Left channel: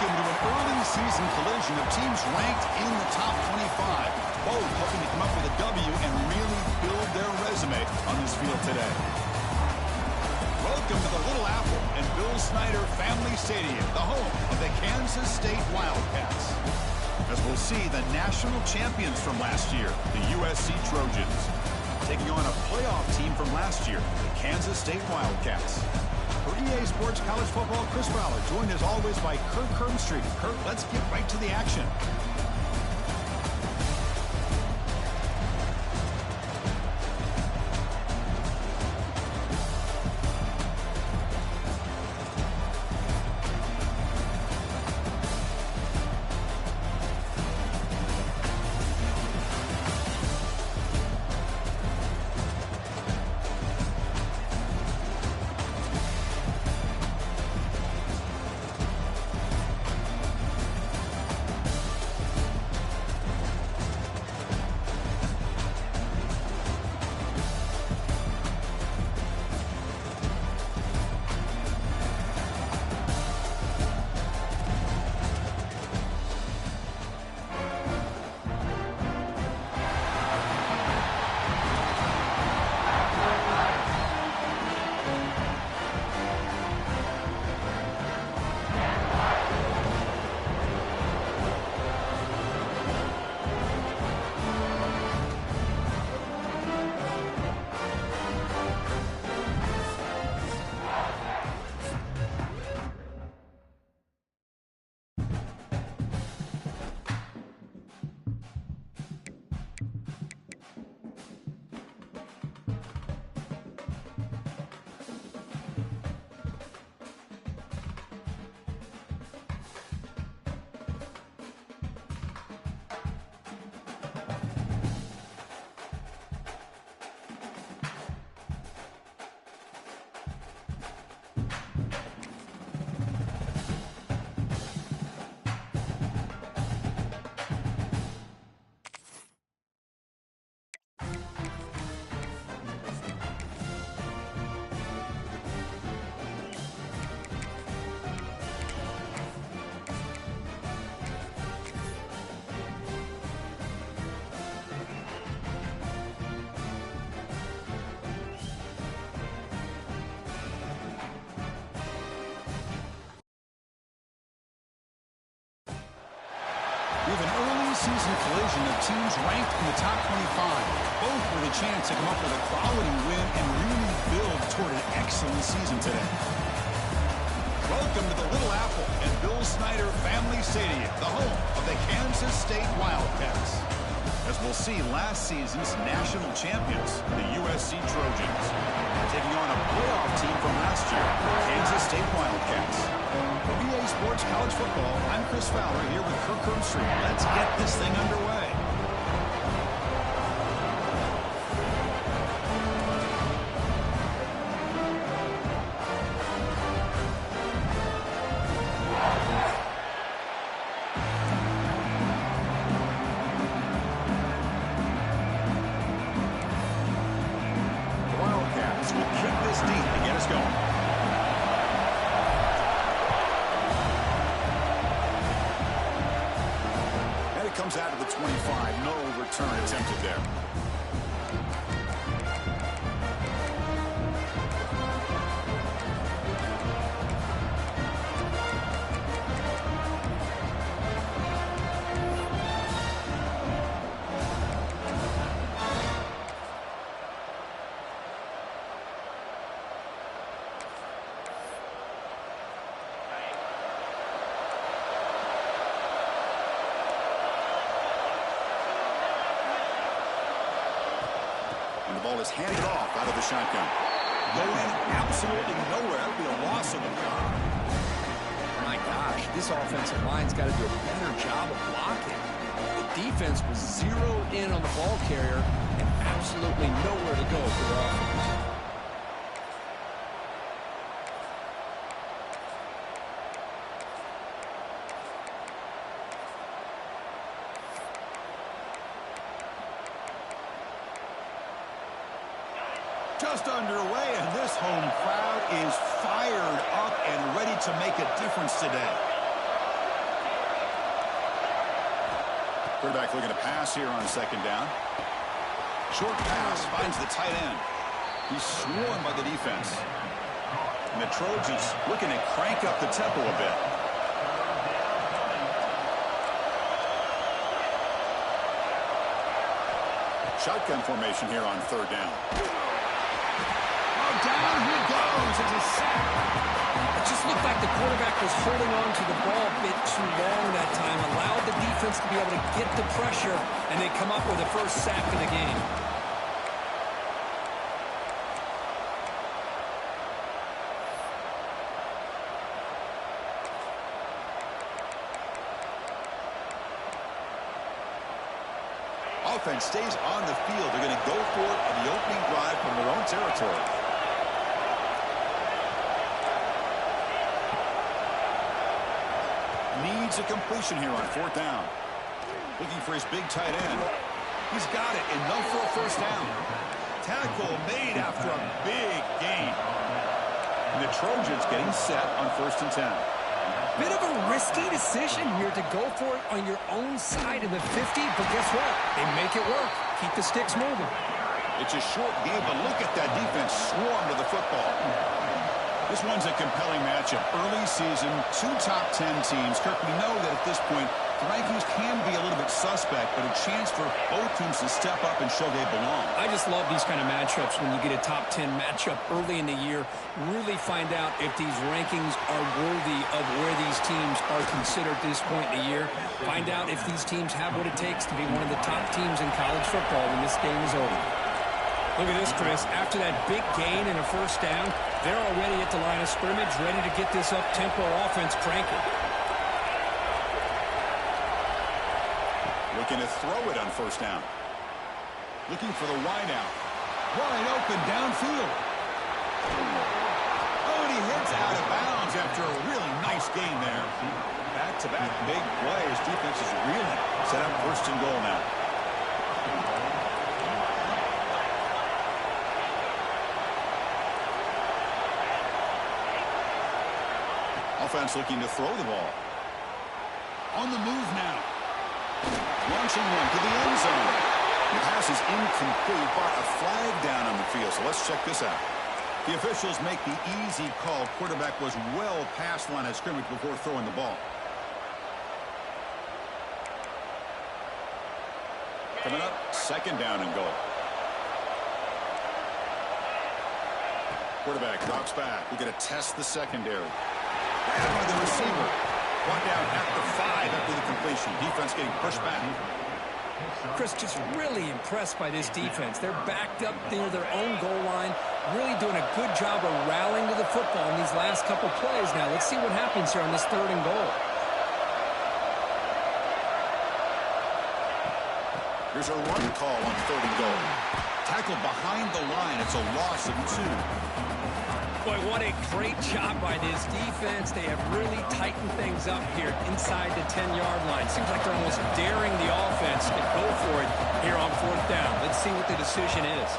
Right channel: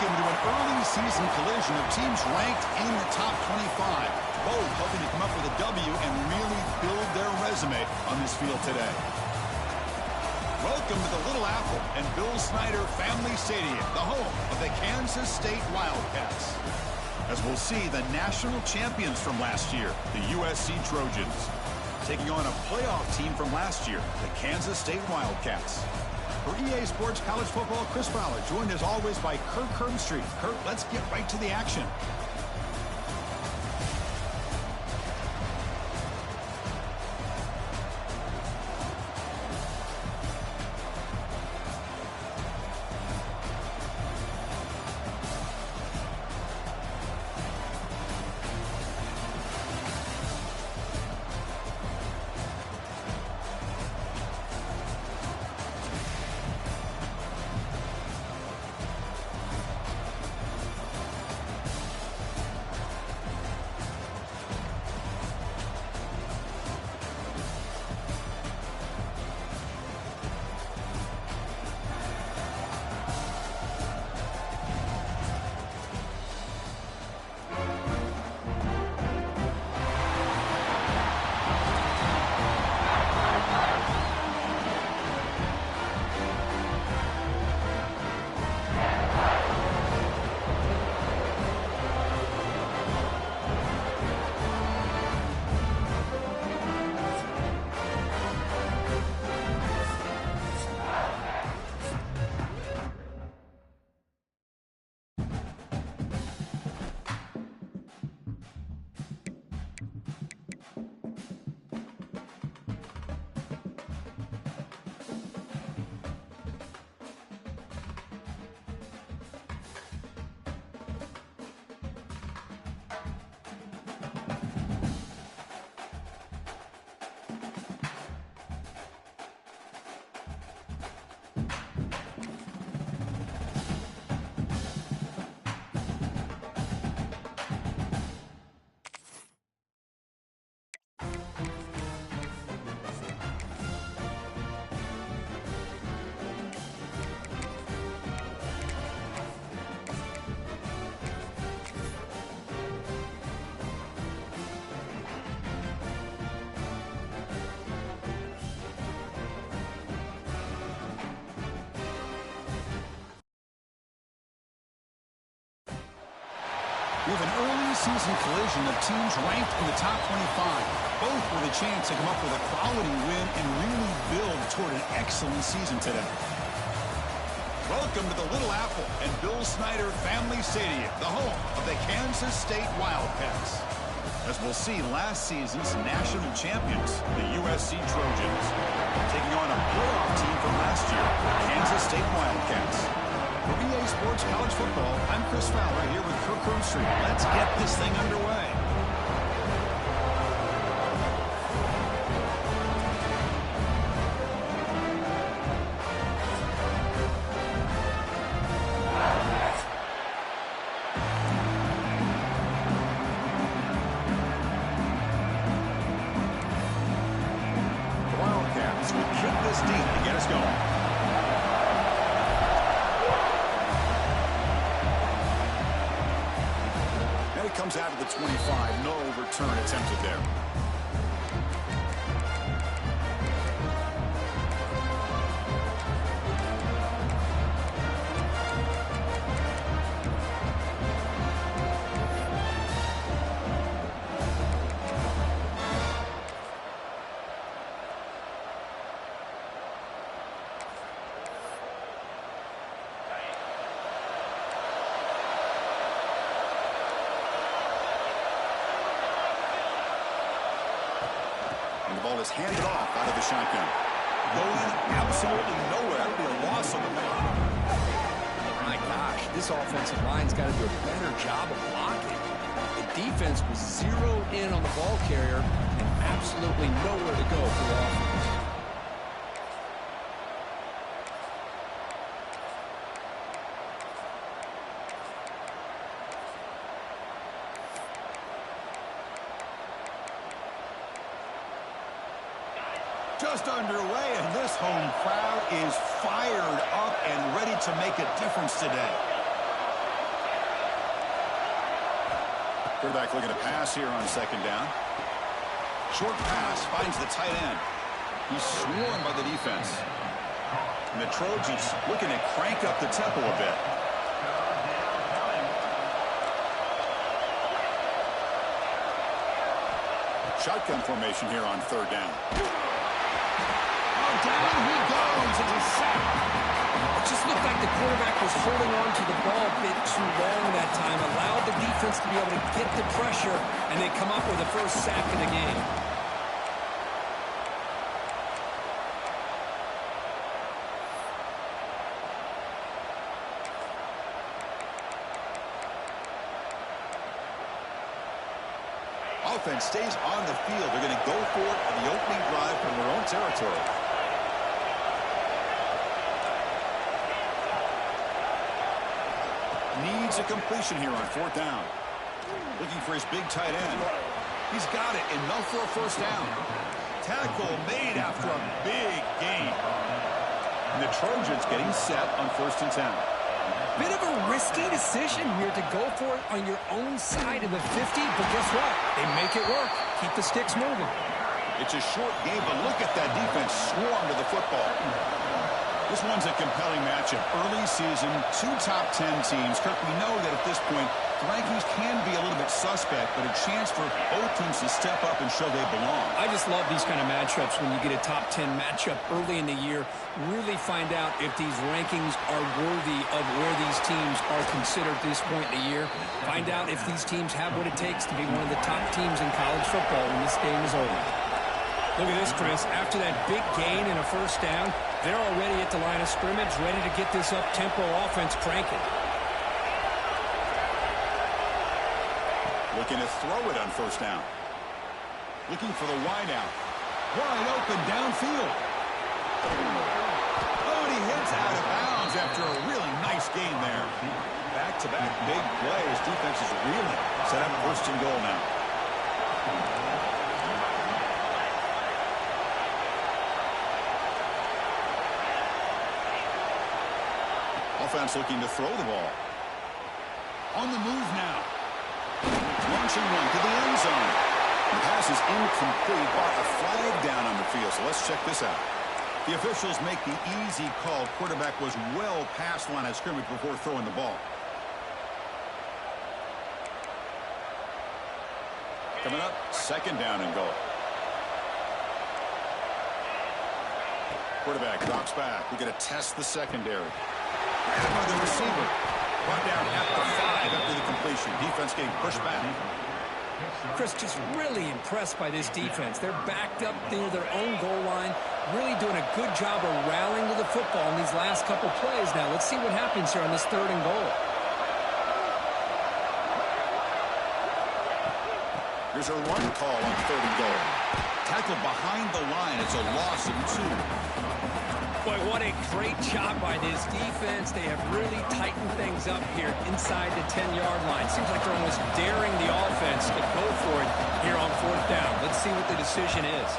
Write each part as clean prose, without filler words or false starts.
Welcome to an early season collision of teams ranked in the top 25, both hoping to come up with a W and really build their resume on this field today. Welcome to the Little Apple and Bill Snyder Family Stadium, the home of the Kansas State Wildcats. As we'll see the national champions from last year, the USC Trojans, taking on a playoff team from last year, the Kansas State Wildcats. For EA Sports College Football, Chris Fowler, joined as always by Kirk Hermstreet. Kirk, let's get right to the action. We have an early season collision of teams ranked in the top 25, both with a chance to come up with a quality win and really build toward an excellent season today. Welcome to the Little Apple and Bill Snyder Family Stadium, the home of the Kansas State Wildcats. As we'll see last season's national champions, the USC Trojans, taking on a playoff team from last year, the Kansas State Wildcats. For EA Sports College Football, I'm Chris Fowler here with Kirk Hermstreet. Let's get this thing underway. The Wildcats will kick this deep to get us going. It comes out of the 25. No return attempted there. And the ball is handed off out of the shotgun. Going absolutely nowhere. That would be a loss on the block. My gosh, this offensive line's got to do a better job of blocking. The defense was zeroed in on the ball carrier and absolutely nowhere to go for the offense. Just underway, and this home crowd is fired up and ready to make a difference today. Quarterback looking to pass here on second down. Short pass finds the tight end. He's swarmed by the defense. And the Trojans looking to crank up the tempo a bit. Shotgun formation here on third down. Oh, down he goes. It's a sack. It just looked like the quarterback was holding on to the ball a bit too long that time, allowed the defense to be able to get the pressure, and they come up with the first sack of the game. Offense stays on the field. They're going to go for it on the opening drive from their own territory. Needs a completion here on fourth down. Looking for his big tight end. He's got it. Enough for a first down. Tackle made after a big gain. And the Trojans getting set on 1st and 10. Bit of a risky decision here to go for it on your own side of the 50, but guess what? They make it work. Keep the sticks moving. It's a short game, but look at that defense swarm to the football. This one's a compelling matchup. Early season, 2 top 10 teams. Kirk, we know that at this point, the rankings can be a little bit suspect, but a chance for both teams to step up and show they belong. I just love these kind of matchups when you get a top 10 matchup early in the year. Really find out if these rankings are worthy of where these teams are considered at this point in the year. Find out if these teams have what it takes to be one of the top teams in college football when this game is over. Look at this, Chris. After that big gain and a first down, they're already at the line of scrimmage, ready to get this up-tempo offense cranking. Looking to throw it on first down. Looking for the wide out. Wide open downfield. Oh, and he hits out of bounds after a really nice gain there. Back-to-back big plays. Defense is reeling. Set up 1st and goal now. Offense looking to throw the ball. On the move now. Launching one to the end zone. The pass is incomplete, but a flag down on the field. So let's check this out. The officials make the easy call. Quarterback was well past the line of scrimmage before throwing the ball. Coming up, 2nd down and goal. Quarterback drops back. We're going to test the secondary. Grabbed by the receiver. Brought down at the 5 after the completion. Defense getting pushed back. Chris, just really impressed by this defense. They're backed up near their own goal line, really doing a good job of rallying to the football in these last couple plays. Now, let's see what happens here on this 3rd and goal. Here's a run call on 3rd and goal. Tackled behind the line. It's a loss of 2. Boy, what a great job by this defense. They have really tightened things up here inside the 10-yard line. Seems like they're almost daring the offense to go for it here on 4th down. Let's see what the decision is.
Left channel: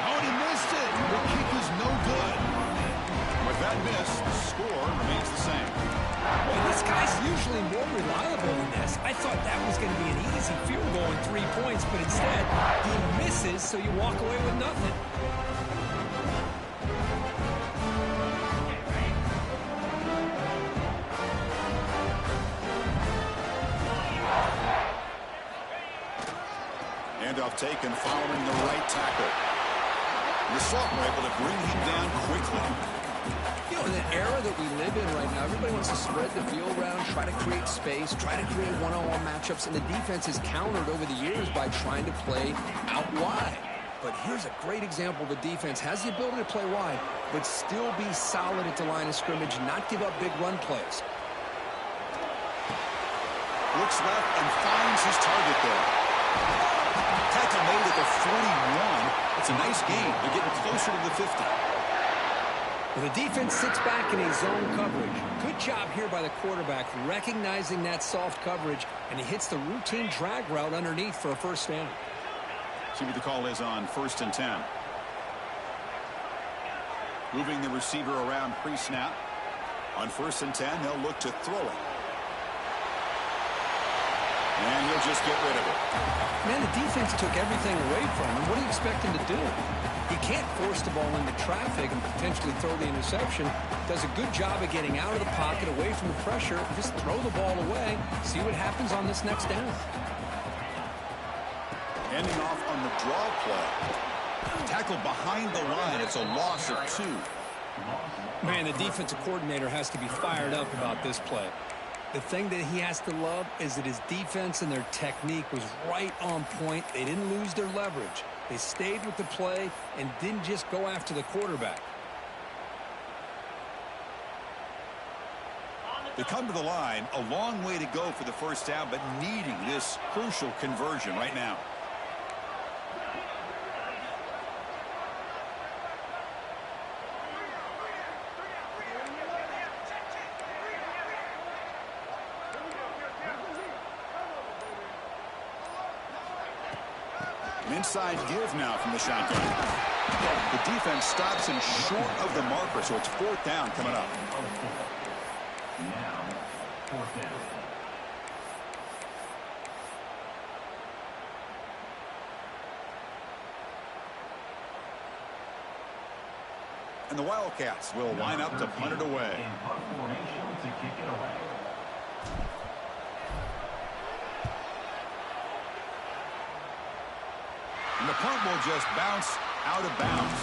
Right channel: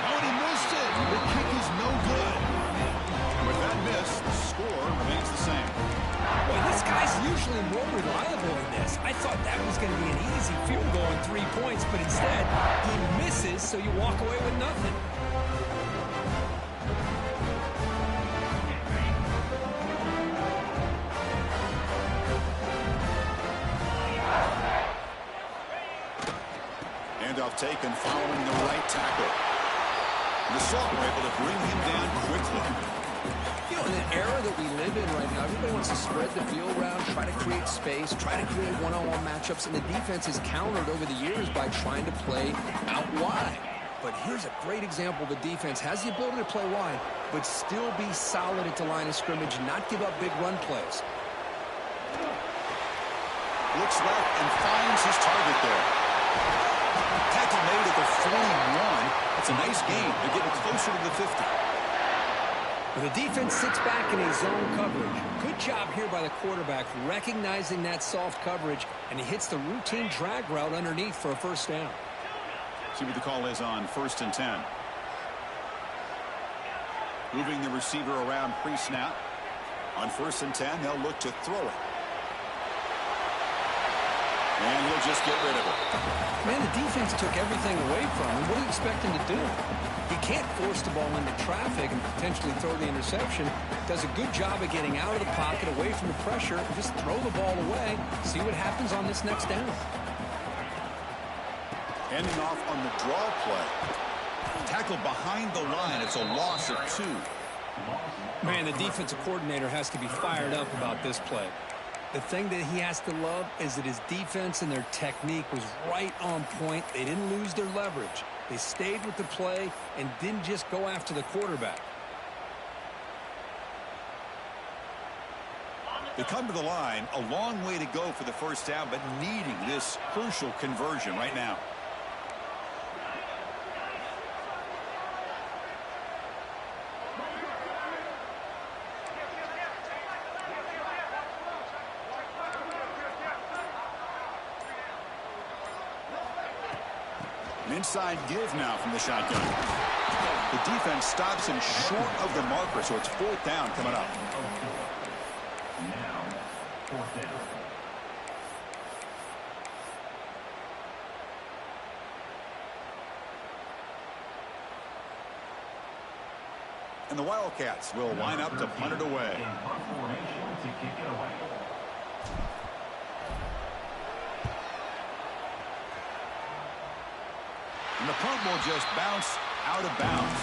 Oh, and he missed it. The kick is no good. With that miss, the score remains the same. Boy, this guy's usually more reliable than this. I thought that was going to be an easy field goal in 3 points, but instead, he misses, so you walk away with nothing. Handoff taken following the right tackle. The Sophomore able to bring him down quickly. You know, in the era that we live in right now, everybody wants to spread the field around, try to create space, try to create one-on-one matchups, and the defense has countered over the years by trying to play out wide. But here's a great example. The defense has the ability to play wide, but still be solid at the line of scrimmage, not give up big run plays. Looks left and finds his target there. Tackle made at the 41. That's a nice gain. They're getting closer to the 50. Well, the defense sits back in a zone coverage. Good job here by the quarterback, recognizing that soft coverage, and he hits the routine drag route underneath for a first down. See what the call is on 1st and 10. Moving the receiver around pre-snap. On 1st and 10, they'll look to throw it. And he'll just get rid of it. Man, the defense took everything away from him. What do you expect him to do? He can't force the ball into traffic and potentially throw the interception. Does a good job of getting out of the pocket, away from the pressure. Just throw the ball away. See what happens on this next down. Ending off on the draw play. Tackled behind the line. It's a loss of 2. Man, the defensive coordinator has to be fired up about this play. The thing that he has to love is that his defense and their technique was right on point. They didn't lose their leverage. They stayed with the play and didn't just go after the quarterback. They come to the line, a long way to go for the first down, but needing this crucial conversion right now. An inside give now from the shotgun. The defense stops him short of the marker, so it's 4th down coming up. Now, 4th down. And the Wildcats will line up to punt it away. In punt formation to kick it away. And the punt will just bounce out of bounds.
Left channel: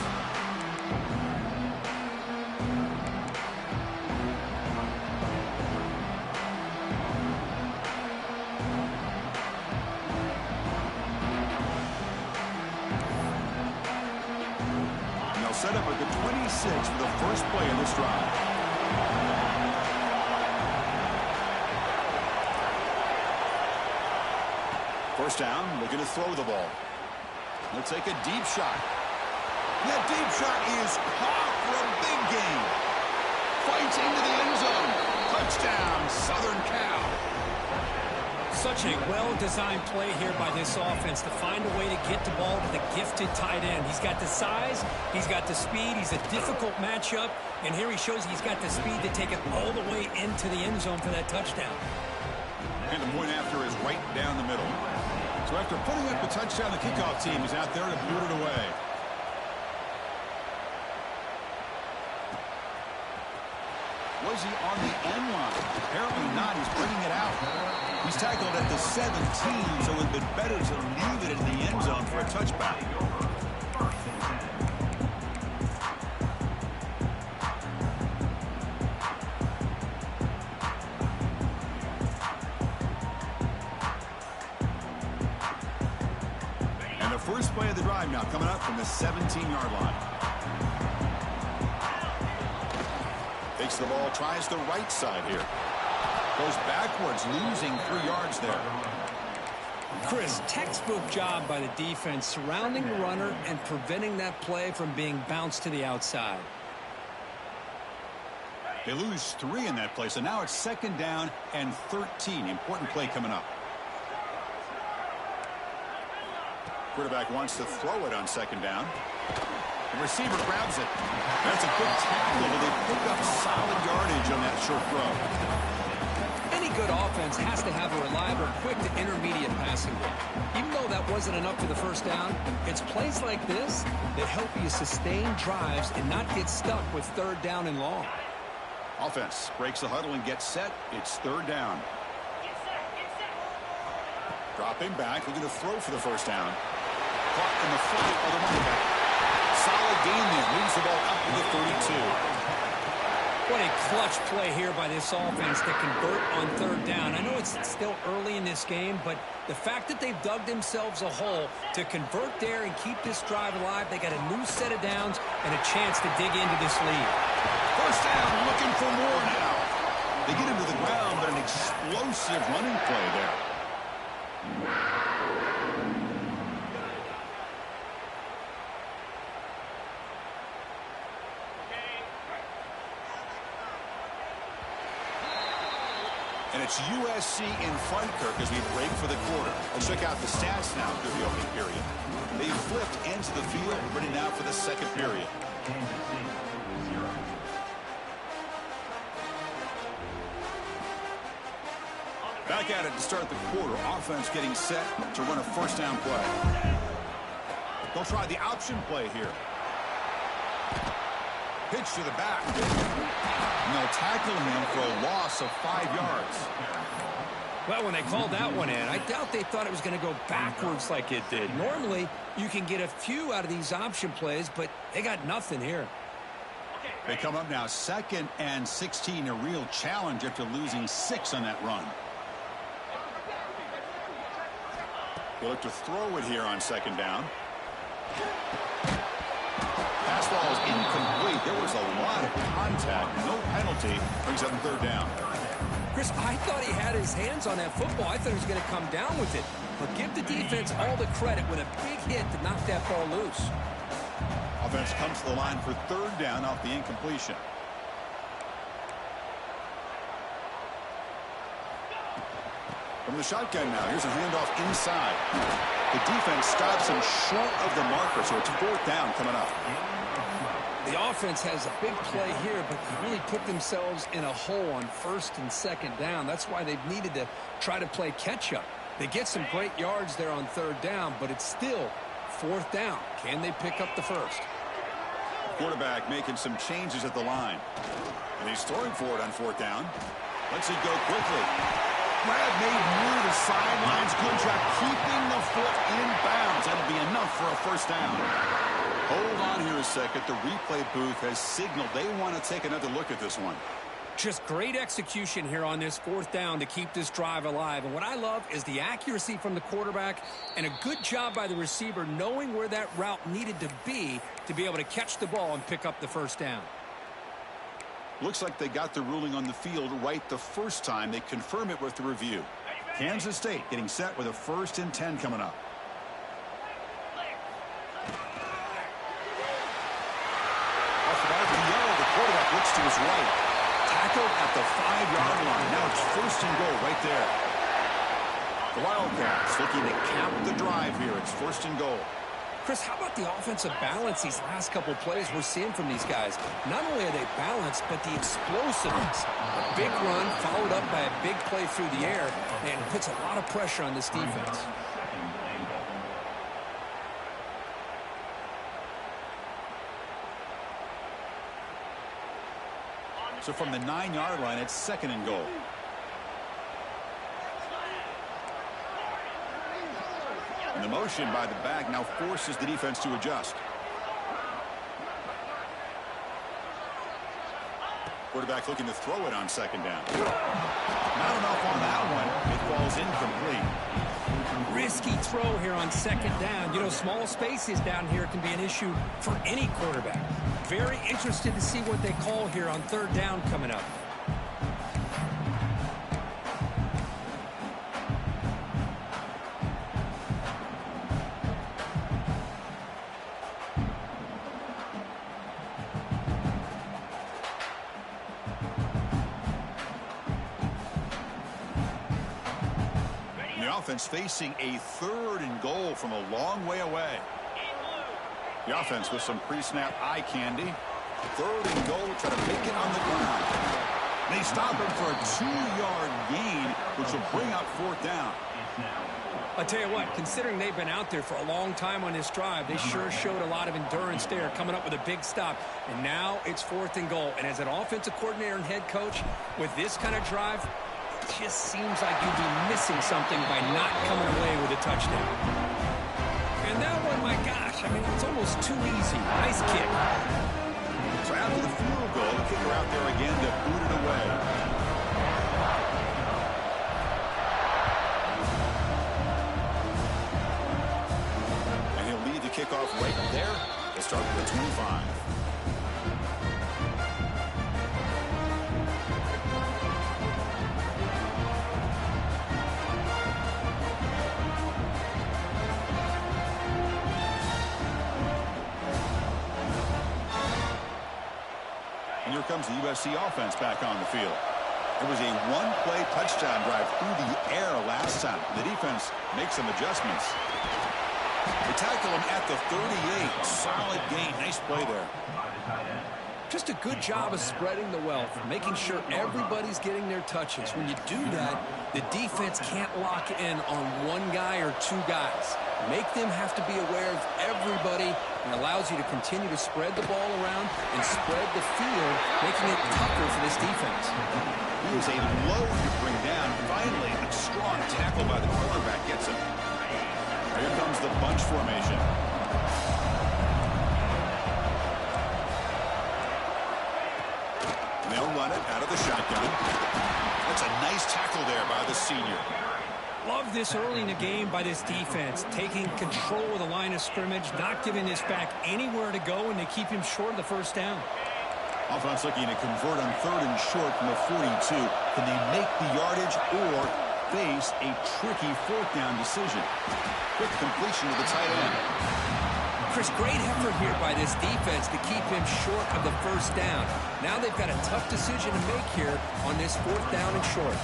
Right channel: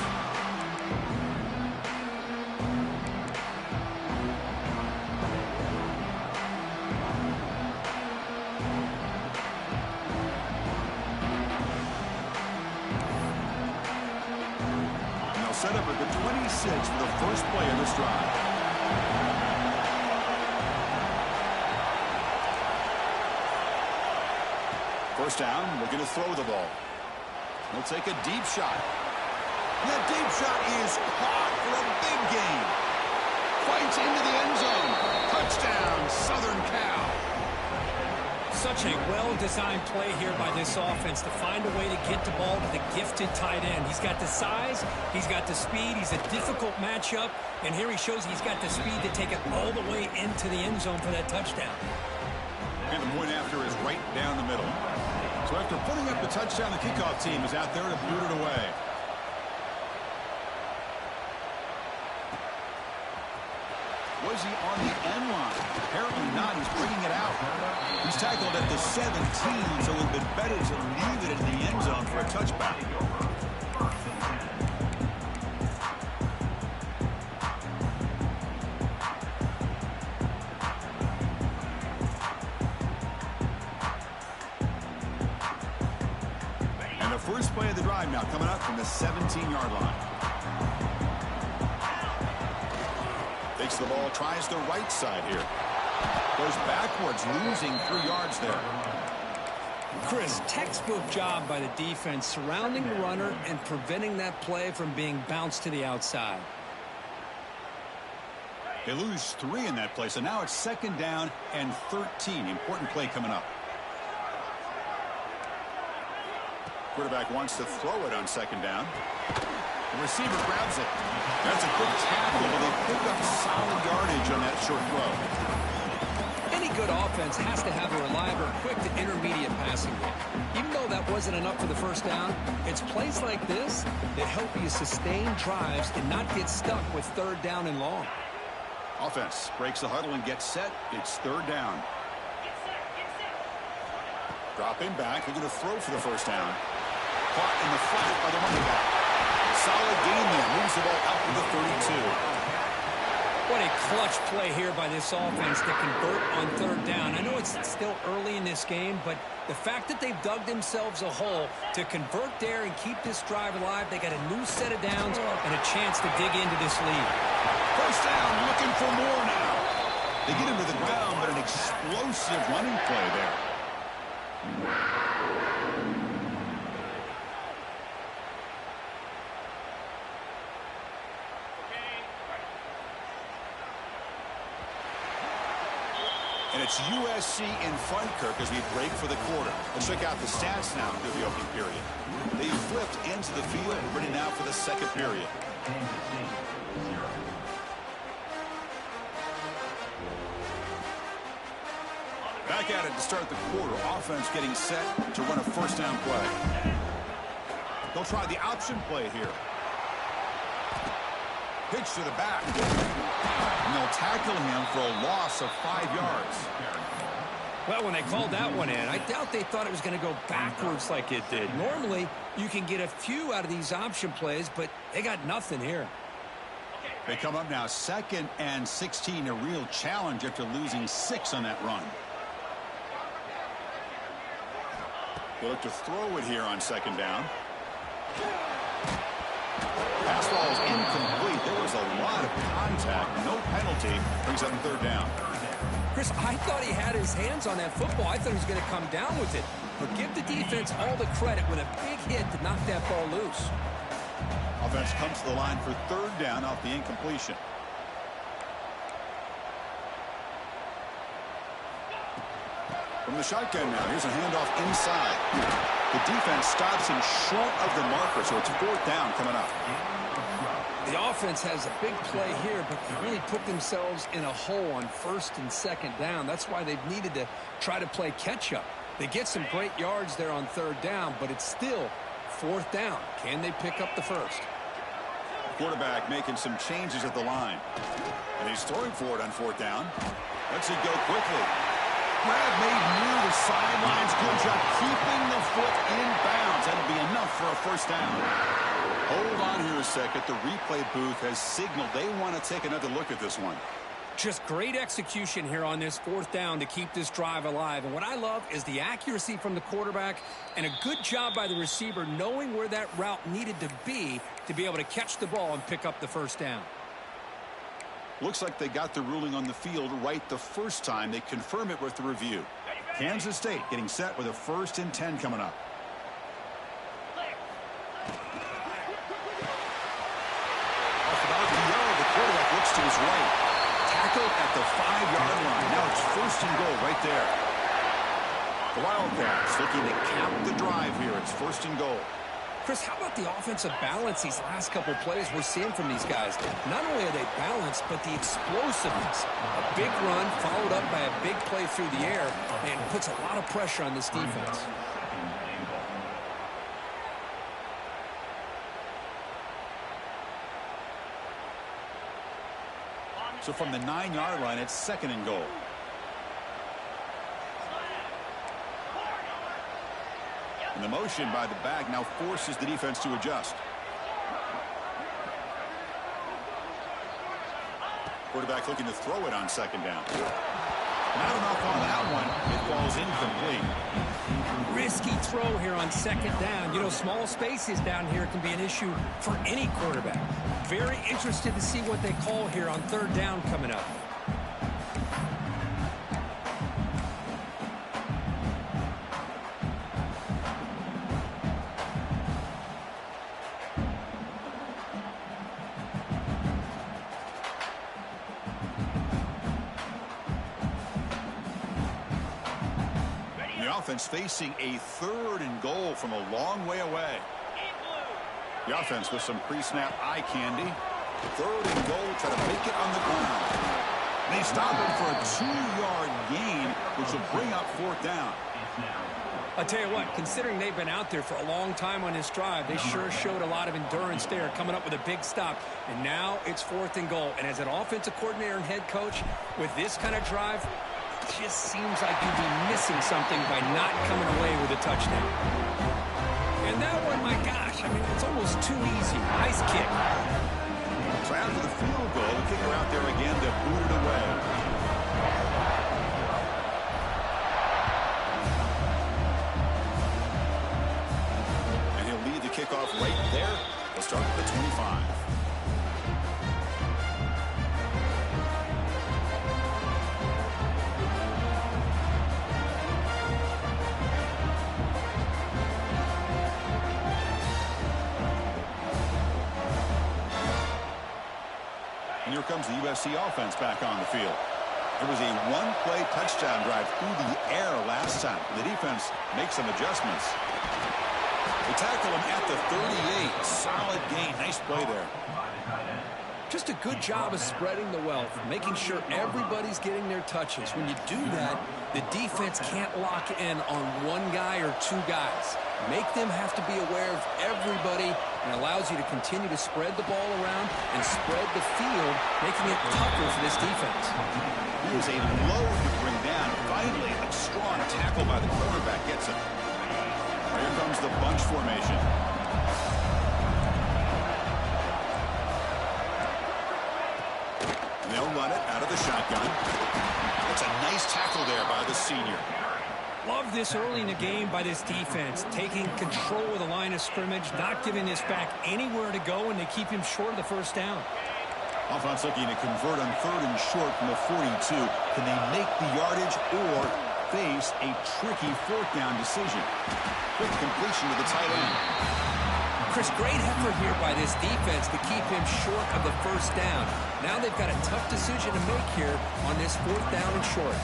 And they'll set up at the 26 for the first play of this drive. First down, looking to throw the ball. He'll take a deep shot. That deep shot is caught for a big gain. Fights into the end zone. Touchdown, Southern Cal. Such a well-designed play here by this offense to find a way to get the ball to the gifted tight end. He's got the size, he's got the speed, he's a difficult matchup, and here he shows he's got the speed to take it all the way into the end zone for that touchdown. And the point after is right down the middle. So after putting up the touchdown, the kickoff team is out there to boot it away. Was he on the end line? Apparently not. He's bringing it out. He's tackled at the 17, so it would have been better to leave it in the end zone for a touchback. And the first play of the drive now coming up from the 17-yard line. Takes the ball, tries the right side here. Goes backwards, losing 3 yards there. Chris, textbook job by the defense surrounding the runner and preventing that play from being bounced to the outside. They lose 3 in that play, so now it's 2nd down and 13. Important play coming up. Quarterback wants to throw it on 2nd down. The receiver grabs it. That's a good tackle, but they pick up solid yardage on that short throw. Any good offense has to have a reliable, quick to intermediate passing game. Even though that wasn't enough for the first down, it's plays like this that help you sustain drives and not get stuck with 3rd down and long. Offense breaks the huddle and gets set. It's 3rd down. Dropping back, looking to throw for the first down. Caught in the flat by the running back. Solid gain there. Moves the ball up to the 32. What a clutch play here by this offense to convert on 3rd down. I know it's still early in this game, but the fact that they've dug themselves a hole to convert there and keep this drive alive, they got a new set of downs and a chance to dig into this lead. First down, looking for more now. They get him to the ground, but an explosive running play there. And it's USC in front, Kirk, as we break for the quarter. Let's check out the stats now through the opening period. They flipped into the field, ready now for the 2nd period. Back at it to start the quarter. Offense getting set to run a first down play. They'll try the option play here. Pitch to the back. And they'll tackle him for a loss of 5 yards. Well, when they called that one in, I doubt they thought it was going to go backwards like it did. Normally, you can get a few out of these option plays, but they got nothing here. They come up now 2nd and 16, a real challenge after losing 6 on that run. They look to throw it here on 2nd down. Pass ball is incomplete. There was a lot of contact. No penalty. Brings up 3rd down. Chris, I thought he had his hands on that football. I thought he was going to come down with it. But give the defense all the credit with a big hit to knock that ball loose. Offense comes to the line for 3rd down off the incompletion. From the shotgun now, here's a handoff inside. The defense stops him short of the marker, so it's 4th down coming up. The offense has a big play here, but they really put themselves in a hole on 1st and 2nd down. That's why they've needed to try to play catch-up. They get some great yards there on 3rd down, but it's still 4th down. Can they pick up the 1st? Quarterback making some changes at the line. And he's throwing for it on 4th down. Lets it go quickly. Grab made near the sidelines. Good job keeping the foot in bounds. That'll be enough for a 1st down. Hold on here a second. The replay booth has signaled they want to take another look at this one. Just great execution here on this 4th down to keep this drive alive. And what I love is the accuracy from the quarterback and a good job by the receiver knowing where that route needed to be able to catch the ball and pick up the 1st down. Looks like they got the ruling on the field right the first time. They confirm it with the review. Kansas State getting set with a 1st and 10 coming up. Off the RPO, the quarterback looks to his right. Tackled at the 5-yard line. Now it's 1st and goal right there. The Wildcats looking to cap the drive here. It's 1st and goal. Chris, how about the offensive balance these last couple plays we're seeing from these guys? Not only are they balanced, but the explosiveness. A big run followed up by a big play through the air and puts a lot of pressure on this defense. So from the 9-yard line, it's 2nd and goal. And the motion by the back now forces the defense to adjust. Quarterback looking to throw it on 2nd down. Not enough on that one. It falls incomplete. Risky throw here on 2nd down. You know, small spaces down here can be an issue for any quarterback. Very interested to see what they call here on 3rd down coming up. The offense facing a 3rd and goal from a long way away. The offense with some pre-snap eye candy. 3rd and goal, try to make it on the ground. They stop him for a 2-yard gain, which will bring up 4th down. I'll tell you what, considering they've been out there for a long time on this drive, they sure showed a lot of endurance there, coming up with a big stop. And now it's 4th and goal. And as an offensive coordinator and head coach, with this kind of drive, it just seems like you'd be missing something by not coming away with a touchdown. And that one, my gosh, I mean, it's almost too easy. Nice kick. So after the field goal, the kicker out there again to boot it away. And he'll lead the kickoff right there. They'll start with the 25. And here comes the USC offense back on the field. It was a one-play touchdown drive through the air last time. The defense makes some adjustments. They tackle him at the 38. Solid gain. Nice play there. Just a good job of spreading the wealth, making sure everybody's getting their touches. When you do that, the defense can't lock in on one guy or two guys. Make them have to be aware of everybody, and allows you to continue to spread the ball around and spread the field, making it tougher for this defense. He is a load to bring down. Finally, a strong tackle by the cornerback gets him. Here comes the bunch formation. And they'll run it out of the shotgun. That's a nice tackle there by the senior. Love this early in the game by this defense, taking control of the line of scrimmage, not giving this back anywhere to go, and they keep him short of the first down. Offense looking to convert on 3rd and short from the 42. Can they make the yardage or face a tricky 4th down decision? Quick completion to the tight end. Chris, great effort here by this defense to keep him short of the first down. Now they've got a tough decision to make here on this 4th down and short.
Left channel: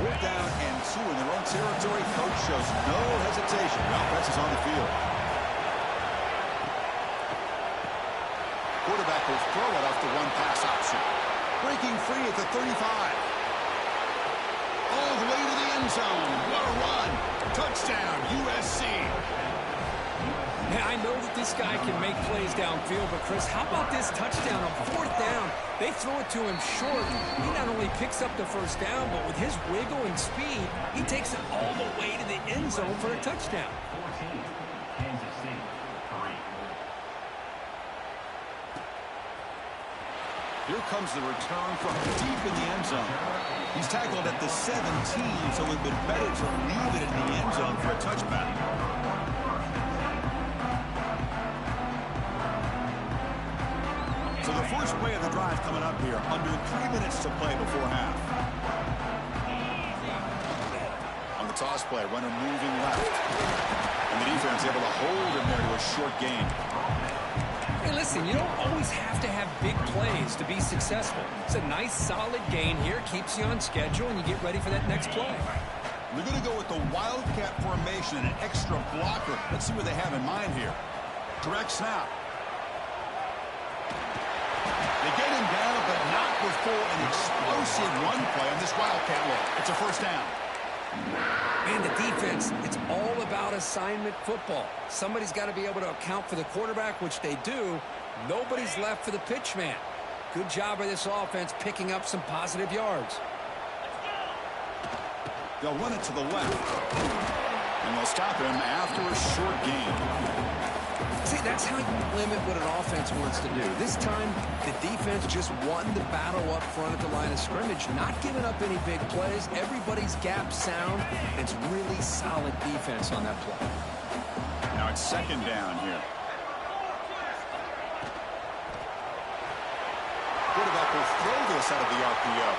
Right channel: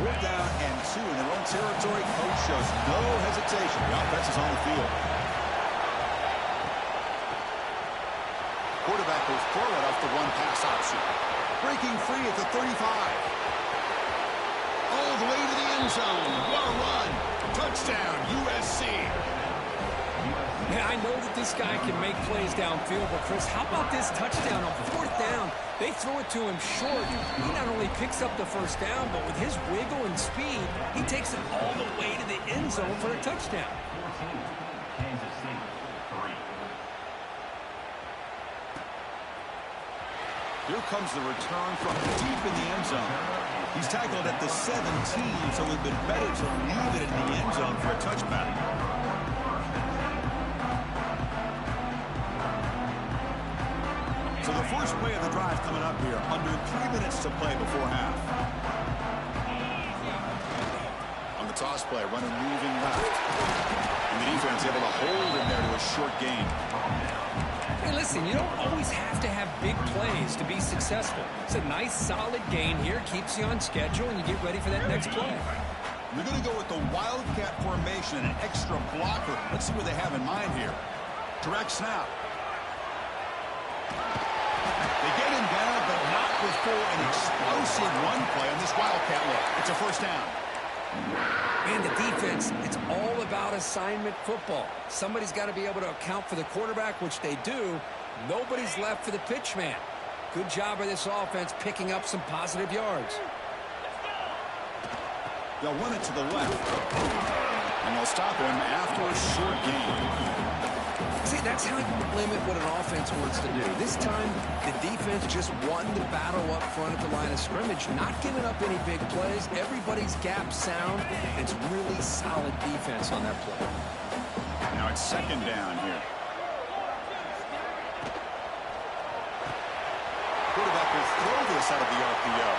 4th down and 2 in their own territory. Coach shows no hesitation. The offense is on the field. Quarterback will throw it off the one-pass option. Breaking free at the 35. All the way to the end zone. What a run. Touchdown, USC. Yeah, I know that this guy can make plays downfield, but Chris, how about this touchdown on 4th down? They throw it to him short. He not only picks up the first down, but with his wiggle and speed, he takes it all the way to the end zone for a touchdown. 14, Kansas City, 3. Here comes the return from deep in the end zone. He's tackled at the 17, so it would have been better to leave it in the end zone for a touchback. So the first play of the drive coming up here, under 3 minutes to play before half. On the toss play, runner moving left. And the defense able to hold him there to a short gain. Hey, listen, you don't always have to have big plays to be successful. It's a nice, solid gain here, keeps you on schedule, and you get ready for that next play. They're going to go with the Wildcat formation and an extra blocker. Let's see what they have in mind here. Direct snap. They get him down, but not before an explosive run play on this Wildcat look. It's a first down. Man, the defense, it's all about assignment football. Somebody's got to be able to account for the quarterback, which they do. Nobody's left for the pitch man. Good job by this offense picking up some positive yards. They'll run it to the left. And they'll stop him after a short gain. See, that's how you limit what an offense wants to do. This time, the defense just won the battle up front at the line of scrimmage, not giving up any big plays. Everybody's gap sound. It's really solid defense on that play. Now it's 2nd down here. Quarterback will throw this out of the RPO.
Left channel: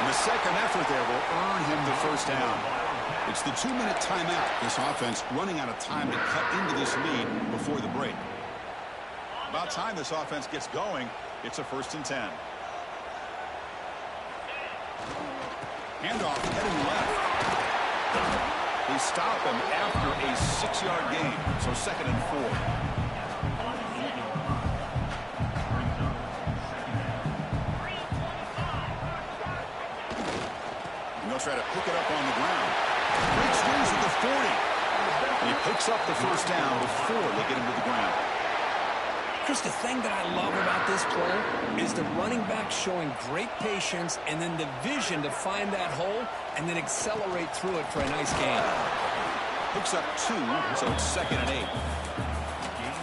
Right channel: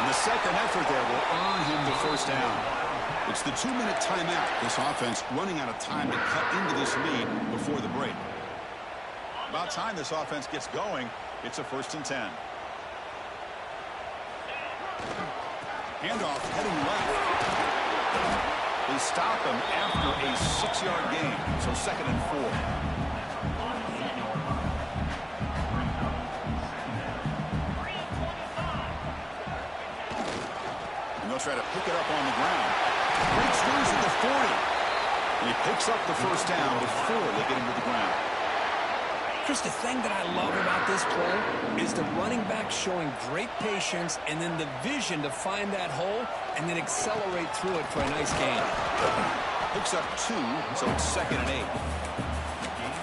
And the second effort there will earn him the first down. It's the 2-minute timeout. This offense running out of time to cut into this lead before the break. About time this offense gets going. It's a 1st and 10. Handoff heading left. They stop him after a 6-yard gain. So 2nd and 4. And they'll try to pick it up on the ground. Breaks loose at the 40. And he picks up the first down before they get him to the ground. Chris, the thing that I love about this play is the running back showing great patience and then the vision to find that hole and then accelerate through it for a nice gain. Picks up 2, so it's 2nd and 8.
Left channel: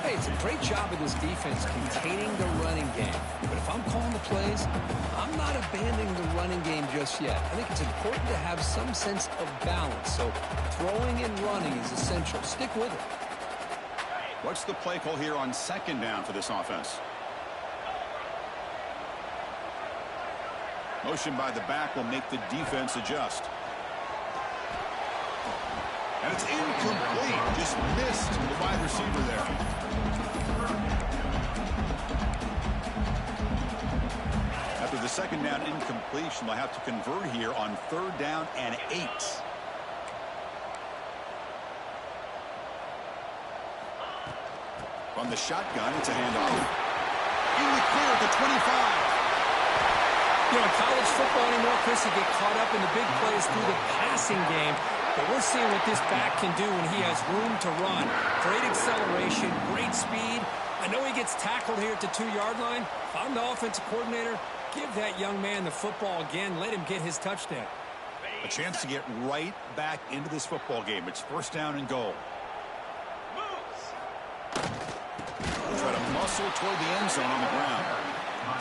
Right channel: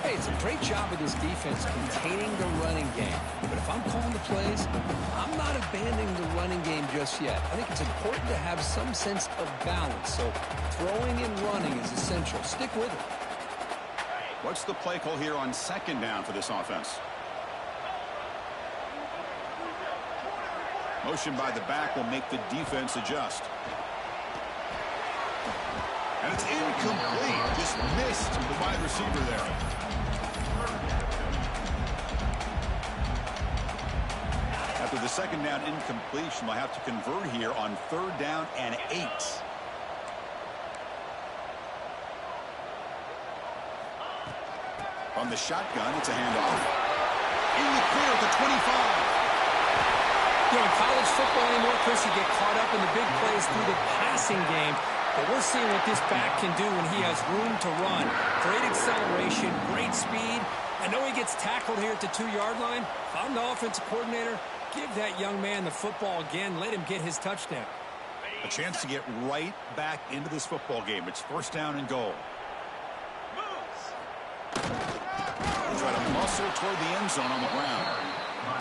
Hey, it's a great job of this defense containing the running game. But if I'm calling the plays, I'm not abandoning the running game just yet. I think it's important to have some sense of balance. So throwing and running is essential. Stick with it. What's the play call here on 2nd down for this offense? Motion by the back will make the defense adjust. And it's incomplete. Just missed the wide receiver there. After the 2nd down incompletion, they'll have to convert here on 3rd down and 8. From the shotgun, it's a handoff. In the clear at the 25. You know, in college football anymore, Chris, you get caught up in the big plays through the passing game. But we're seeing what this back can do when he has room to run. Great acceleration, great speed. I know he gets tackled here at the 2-yard line. If I'm the offensive coordinator, give that young man the football again. Let him get his touchdown. A chance to get right back into this football game. It's first down and goal. Try to muscle toward the end zone on the ground.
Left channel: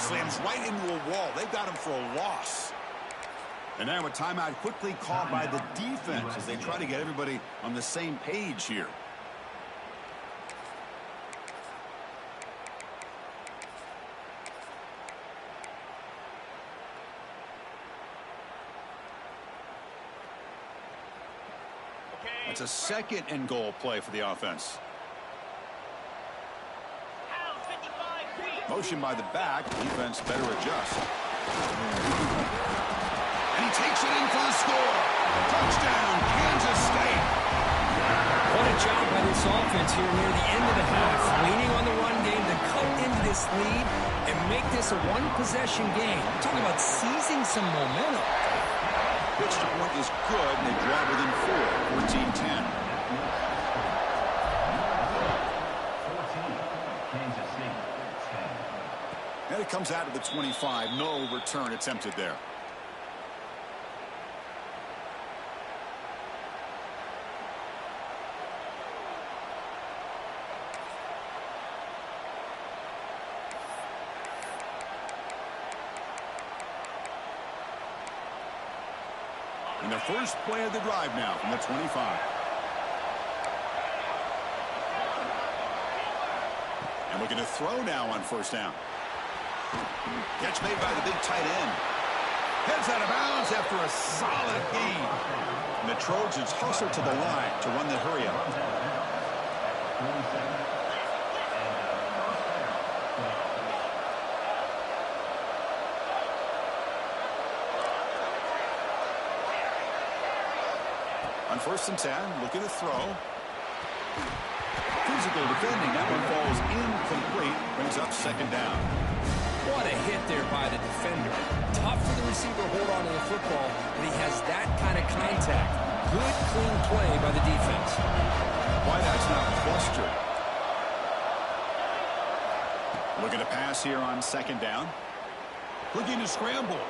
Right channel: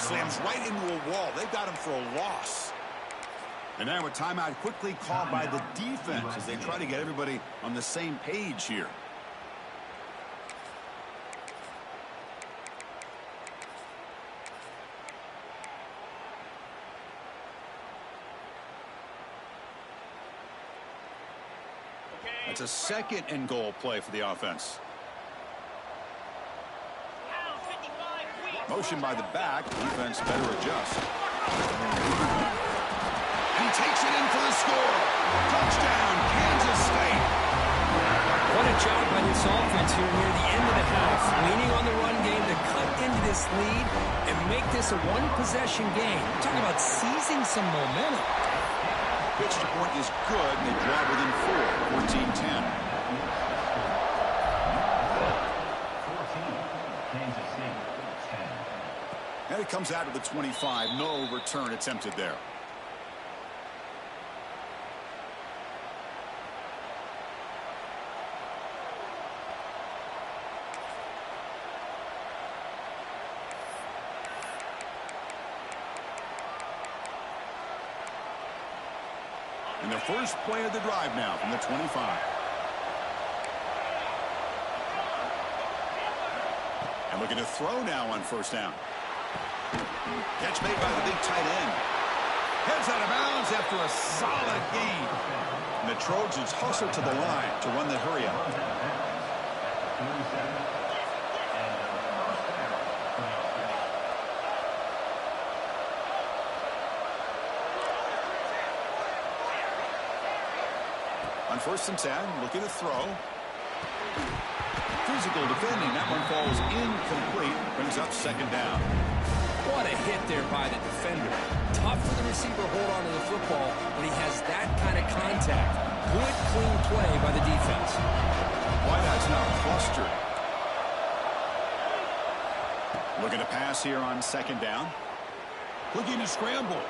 Slams right into a wall. They've got him for a loss. And now a timeout quickly called by the defense as they try to get everybody on the same page here. That's a second and goal play for the offense. Motion by the back. Defense better adjust. And he takes it in for the score. Touchdown, Kansas State. What a job by this offense here near the end of the half. Leaning on the run game to cut into this lead and make this a one-possession game. We're talking about seizing some momentum. Pitch to point is good, and they draw within 4, 14-10. 14, Kansas State, 10. And it comes out to the 25. No return attempted there. And the first play of the drive now from the 25. And looking to throw now on first down. Catch made by the big tight end. Heads out of bounds after a solid gain. And the Trojans hustle to the line to run the hurry up. On first and 10, looking to throw. Physical defending. That one falls incomplete. Brings up second down. What a hit there by the defender. Tough for the receiver to hold on to the football when he has that kind of contact. Good, clean play by the defense. Wideout's now clustered. Looking to pass here on second down. Looking to scramble.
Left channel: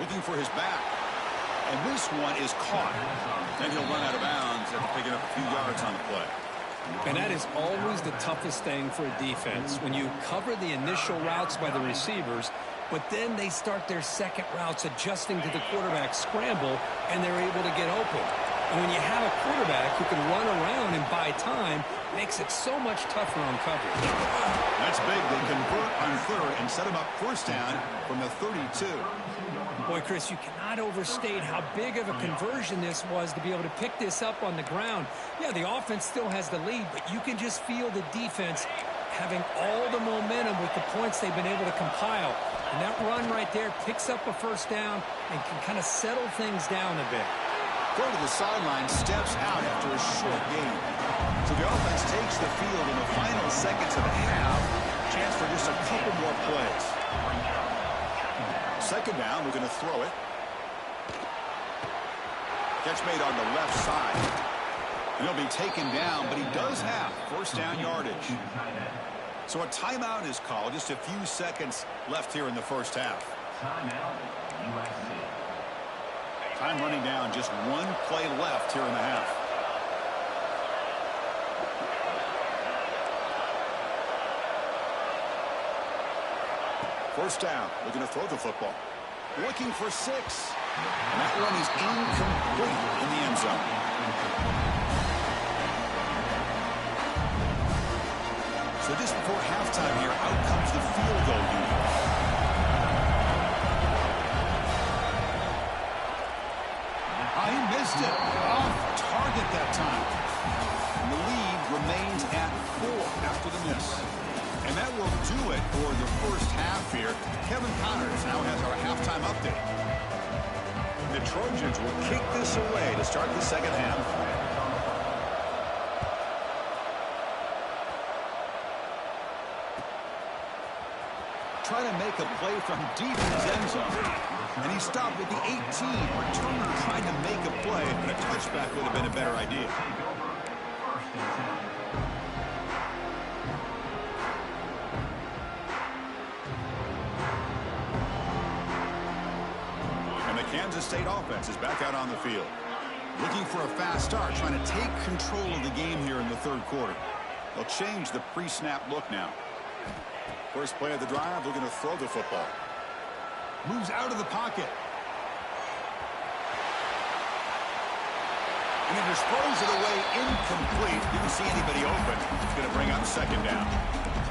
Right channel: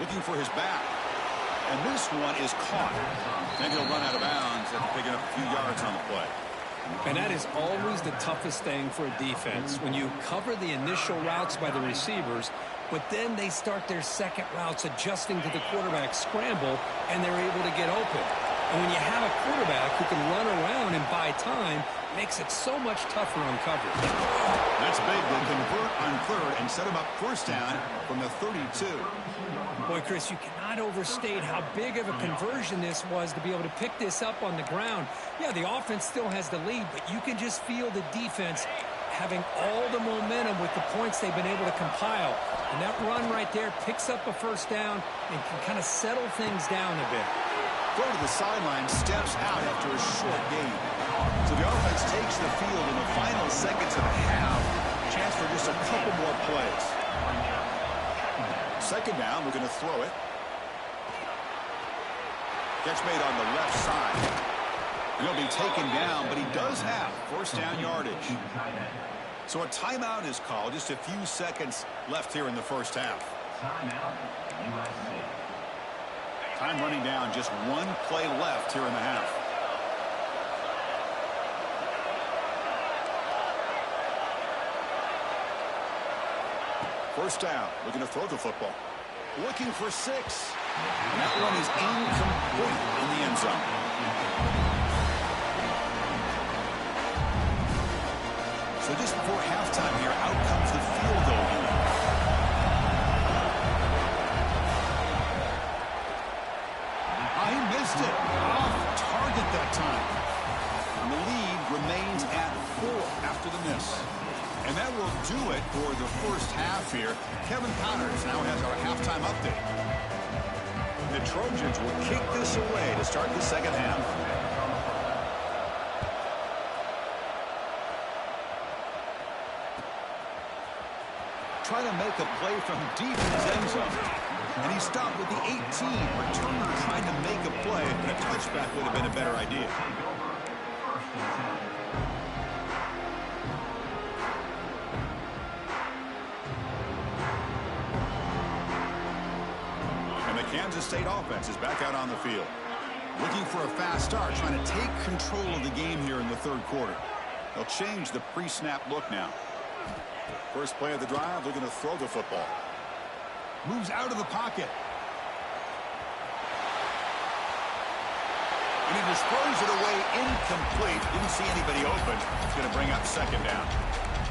Looking for his back. And this one is caught. Then he'll run out of bounds after picking up a few yards on the play. And that is always the toughest thing for a defense. When you cover the initial routes by the receivers, but then they start their second routes adjusting to the quarterback scramble, and they're able to get open. And when you have a quarterback who can run around and buy time, it makes it so much tougher on coverage. That's big. They convert on third and set him up first down from the 32. Boy, Chris, you cannot overstate how big of a conversion this was to be able to pick this up on the ground. Yeah, the offense still has the lead, but you can just feel the defense having all the momentum with the points they've been able to compile. And that run right there picks up a first down and can kind of settle things down a bit. Throw to the sideline, steps out after a short gain. So the offense takes the field in the final seconds of the half. Chance for just a couple more plays. Second down, we're going to throw it. Catch made on the left side. And he'll be taken down, but he does have first down yardage. So a timeout is called. Just a few seconds left here in the first half. Timeout, USC. Time running down, just one play left here in the half. First down, looking to throw the football. Looking for 6. And that one is incomplete in the end zone. So just before halftime here, out comes the field goal unit. He missed it. Off target that time. And the lead remains at 4 after the miss. And that will do it for the first half here. Kevin Connors now has our halftime update. The Trojans will kick this away to start the second half. try to make a play from deep in his end zone. And he stopped with the 18. Returner trying to make a play, and a touchback would have been a better idea. And the Kansas State offense is back out on the field. Looking for a fast start, trying to take control of the game here in the third quarter. They'll change the pre-snap look now. First play of the drive, looking to throw the football. Moves out of the pocket. And he just throws it away incomplete. Didn't see anybody open. It's going to bring up second down.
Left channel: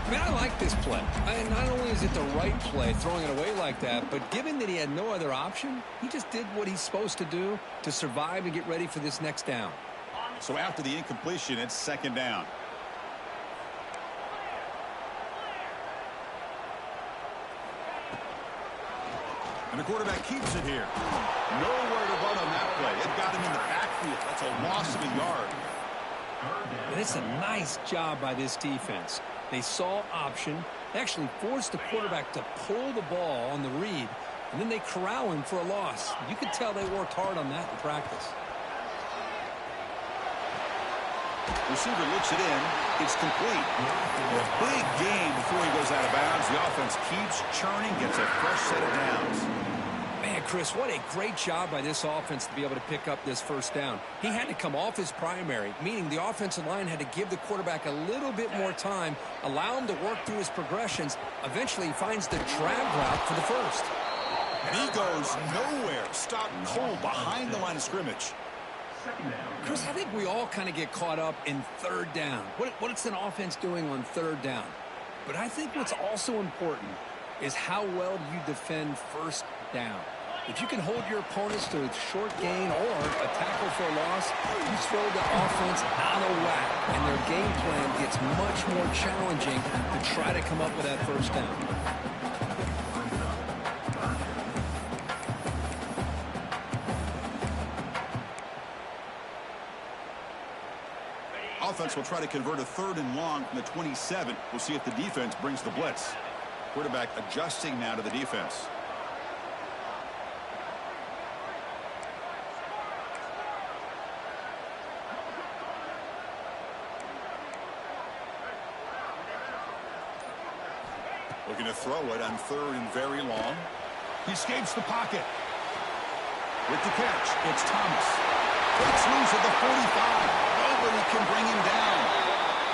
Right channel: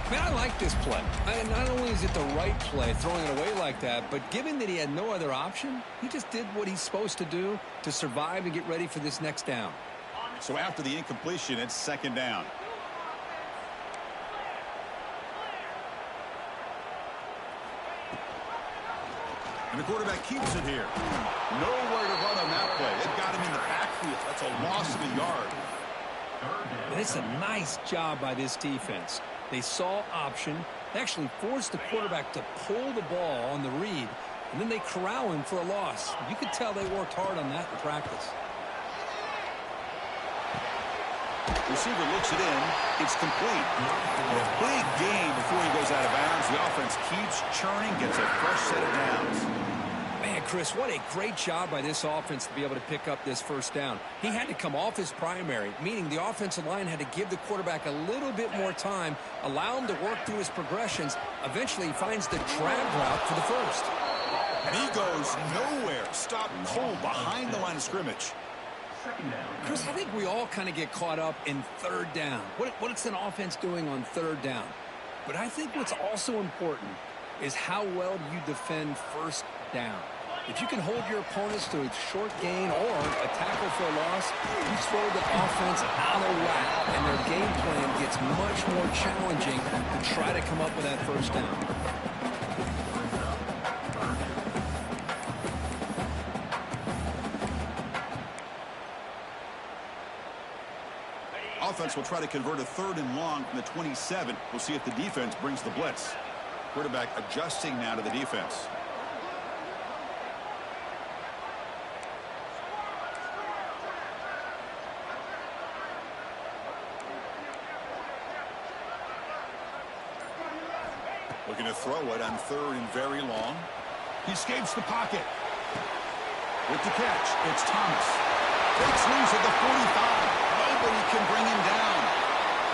Man, I like this play. Not only is it the right play, throwing it away like that, but given that he had no other option, he just did what he's supposed to do to survive and get ready for this next down. So after the incompletion, it's second down. And the quarterback keeps it here. Nowhere to run on that play. They've got him in the backfield. That's a loss of a yard. And it's a nice job by this defense. They saw option. They actually forced the quarterback to pull the ball on the read, and then they corral him for a loss. You could tell they worked hard on that in practice. Receiver looks it in. It's complete. And a big gain before he goes out of bounds. The offense keeps churning, gets a fresh set of downs. Man, Chris, what a great job by this offense to be able to pick up this first down. He had to come off his primary, meaning the offensive line had to give the quarterback a little bit more time, allow him to work through his progressions. Eventually, he finds the drag route for the first. And he goes nowhere. Stopped cold behind the line of scrimmage. Chris, I think we all kind of get caught up in third down. What's an offense doing on third down? But I think what's also important is how well do you defend first down. If you can hold your opponents to a short gain or a tackle for a loss, you throw the offense out of whack, and their game plan gets much more challenging to try to come up with that first down. Offense will try to convert a third and long from the 27. We'll see if the defense brings the blitz. Quarterback adjusting now to the defense. Looking to throw it on third and very long. He escapes the pocket. With the catch, it's Thomas. Breaks loose at the 45. Nobody can bring him down.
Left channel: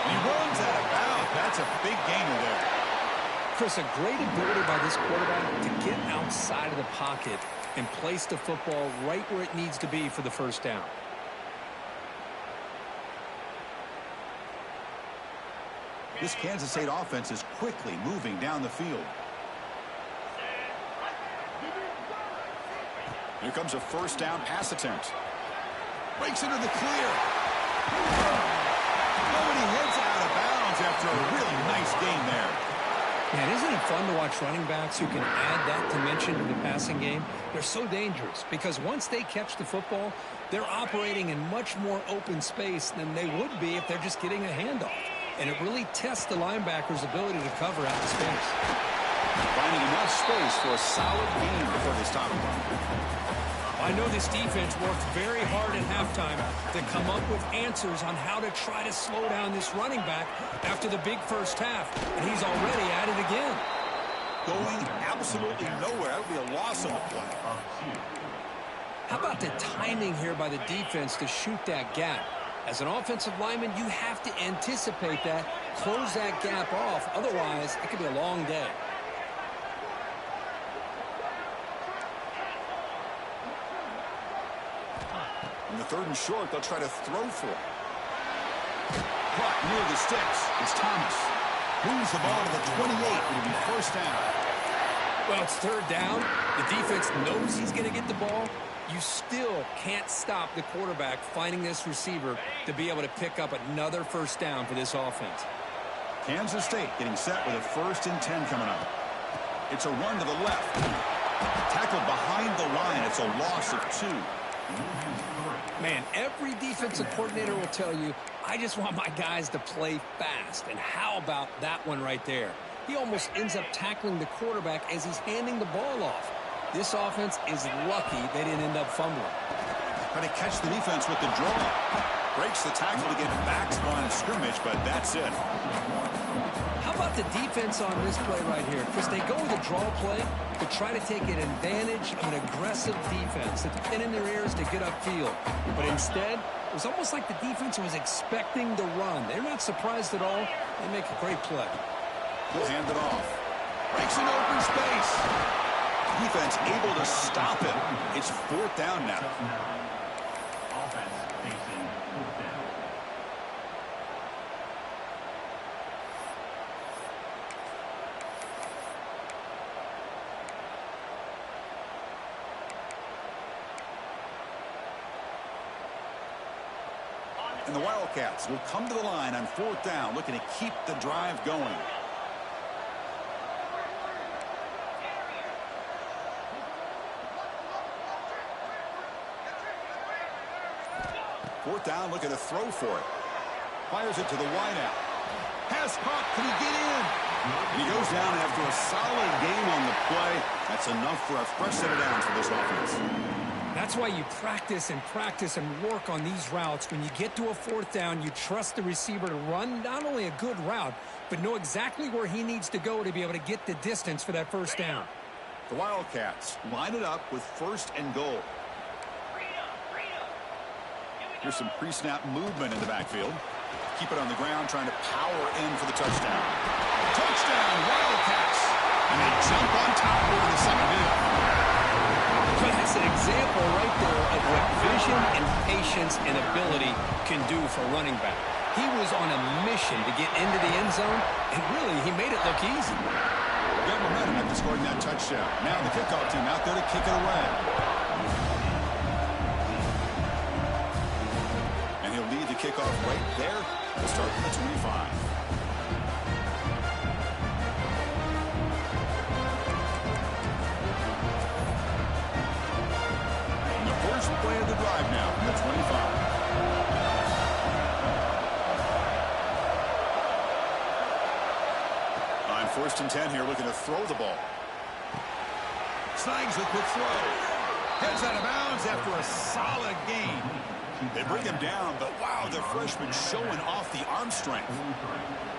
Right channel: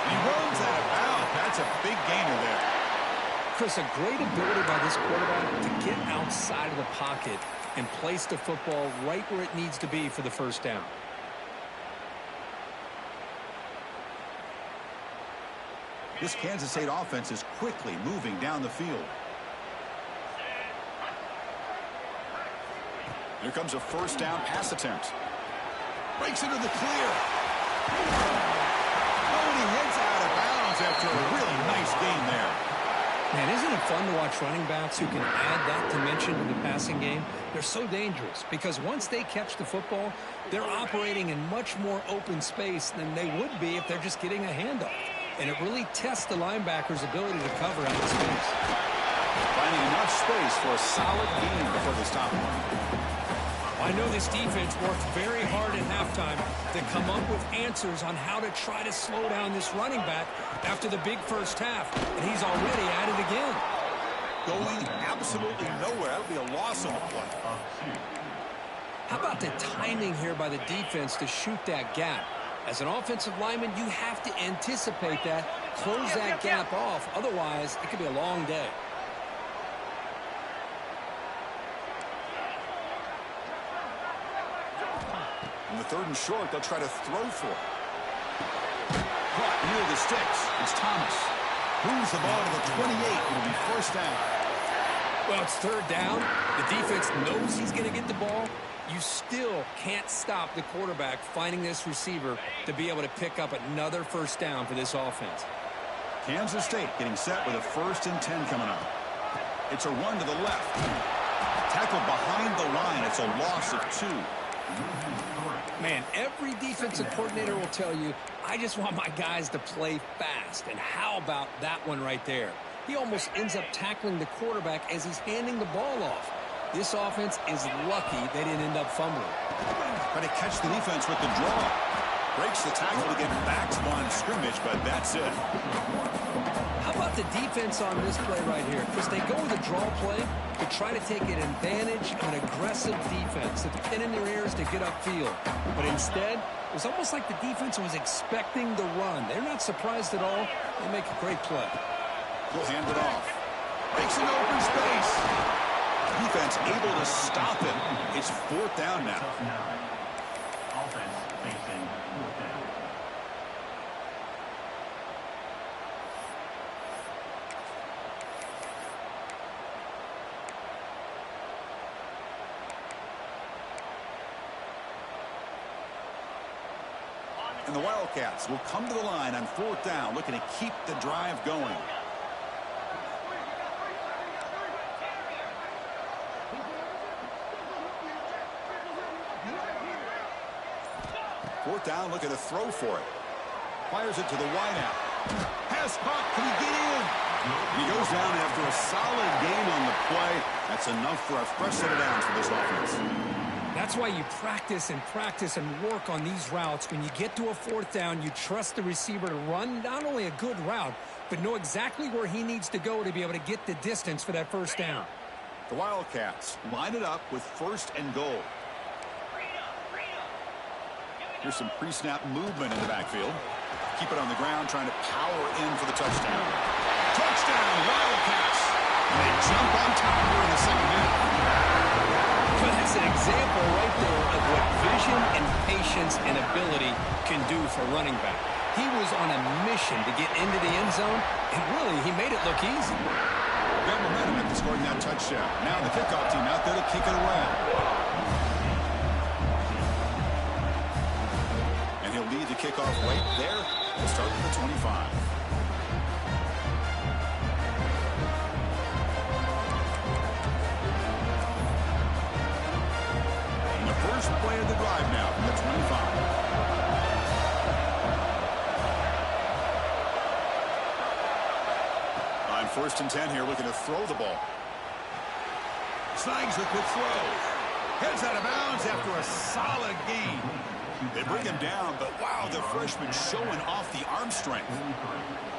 And he runs out of bounds. That's a big gainer there. Chris, a great ability by this quarterback to get outside of the pocket and place the football right where it needs to be for the first down. This Kansas State offense is quickly moving down the field. Here comes a first down pass attempt. Breaks into the clear. Oh, and he heads out of bounds after a really nice gain there. Man, isn't it fun to watch running backs who can add that dimension to the passing game? They're so dangerous because once they catch the football, they're operating in much more open space than they would be if they're just getting a handoff. And it really tests the linebacker's ability to cover out the space. Finding enough space for a solid gain before they stop him. I know this defense worked very hard at halftime to come up with answers on how to try to slow down this running back after the big first half, and he's already at it again. Going absolutely nowhere. That would be a loss on the play. How about the timing here by the defense to shoot that gap? As an offensive lineman, you have to anticipate that, close that gap off. Otherwise, it could be a long day. In the third and short, they'll try to throw for it. Caught near the sticks. It's Thomas. Moves the ball to the 28. It'll be first down. Well, it's third down. The defense knows he's going to get the ball. You still can't stop the quarterback finding this receiver to be able to pick up another first down for this offense. Kansas State getting set with a 1st and 10 coming up. It's a run to the left. Tackled behind the line. It's a loss of 2. Man, every defensive coordinator will tell you, I just want my guys to play fast. And how about that one right there? he almost ends up tackling the quarterback as he's handing the ball off. This offense is lucky they didn't end up fumbling. Trying to catch the defense with the draw. Breaks the tackle to get back to the line of scrimmage, but that's it. How about the defense on this play right here? Chris, they go with a draw play to try to take an advantage of an aggressive defense that's pinning their ears to get upfield. But instead, it was almost like the defense was expecting the run. They're not surprised at all. They make a great play. He'll hand it off. Breaks an open space. Defense able to stop him. It's 4th down now. Offense facing 4th down. And the Wildcats will come to the line on 4th down, looking to keep the drive going. Fourth down, looking to throw for it. Fires it to the wideout. Pass caught. Can he get in? And he goes down after a solid game on the play. That's enough for a fresh set of downs for this offense. That's why you practice and work on these routes. When you get to a 4th down, you trust the receiver to run not only a good route, but know exactly where he needs to go to be able to get the distance for that 1st down. The Wildcats line it up with 1st and goal. Here's some pre-snap movement in the backfield. Keep it on the ground, trying to power in for the touchdown. Touchdown, Wildcats! And they jump on top here in the second half. But that's an example right there of what vision and patience and ability can do for running back. He was on a mission to get into the end zone, and really, he made it look easy. Got momentum after scoring that touchdown. Now the kickoff team out there to kick it away. And he'll lead the kickoff right there. We'll start with the 25. And the first play of the drive now from the 25. On 1st and 10 here, looking to throw the ball. Snags the quick throw. Heads out of bounds after a solid gain. They bring him down, but wow, the freshman showing off the arm strength.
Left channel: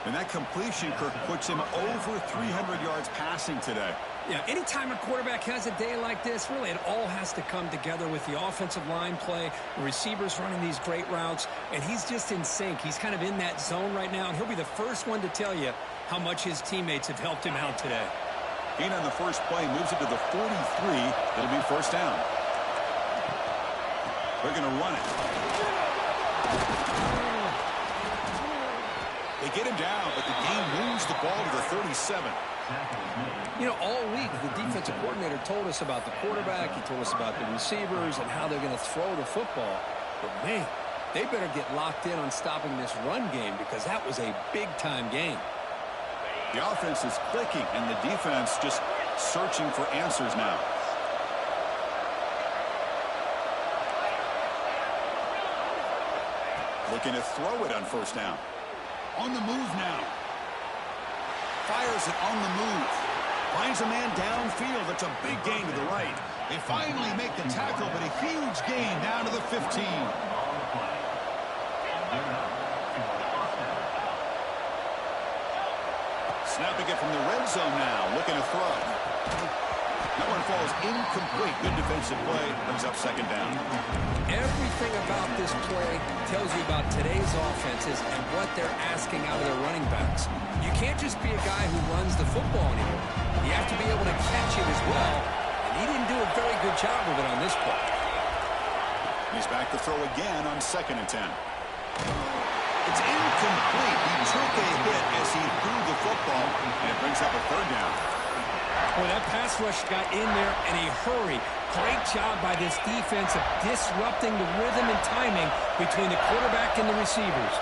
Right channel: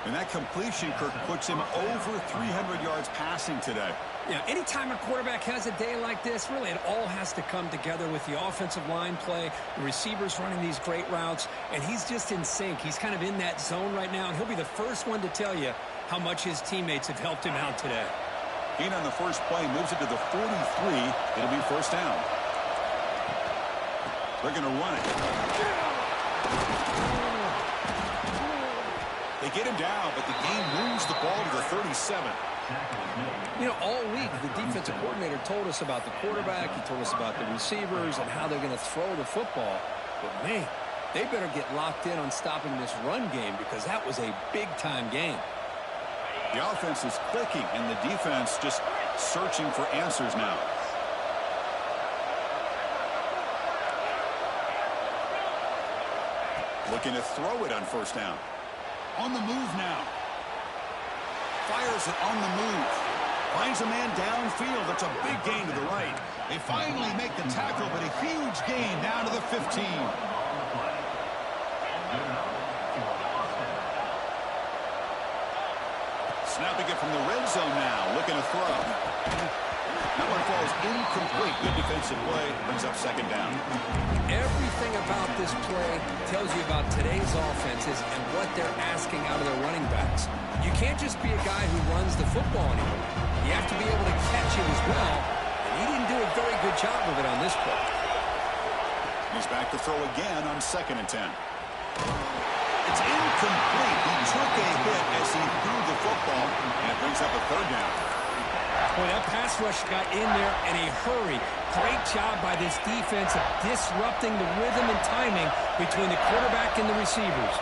And that completion, Kirk, puts him over 300 yards passing today. Yeah, anytime a quarterback has a day like this, really it all has to come together with the offensive line play, the receivers running these great routes, and he's just in sync. He's kind of in that zone right now, and he'll be the first one to tell you how much his teammates have helped him out today. Gain on the first play, moves it to the 43. It'll be 1st down. They're going to run it. They get him down, but the game moves the ball to the 37. You know, all week, the defensive coordinator told us about the quarterback. He told us about the receivers and how they're going to throw the football. But, man, they better get locked in on stopping this run game because that was a big-time game. The offense is clicking, and the defense just searching for answers now. Looking to throw it on 1st down. On the move now. Fires it on the move. Finds a man downfield. That's a big gain to the right. They finally make the tackle, but a huge gain down to the 15. Snapping it from the red zone now. Looking to throw. That one falls incomplete. Good defensive play. Brings up 2nd down. Everything about this play tells you about today's offenses and what they're asking out of their running backs. You can't just be a guy who runs the football anymore. You have to be able to catch it as well, and he didn't do a very good job of it on this play. He's back to throw again on 2nd and 10. It's incomplete. He took a hit as he threw the football, and it brings up a 3rd down. Boy, that pass rush got in there in a hurry. Great job by this defense of disrupting the rhythm and timing between the quarterback and the receivers.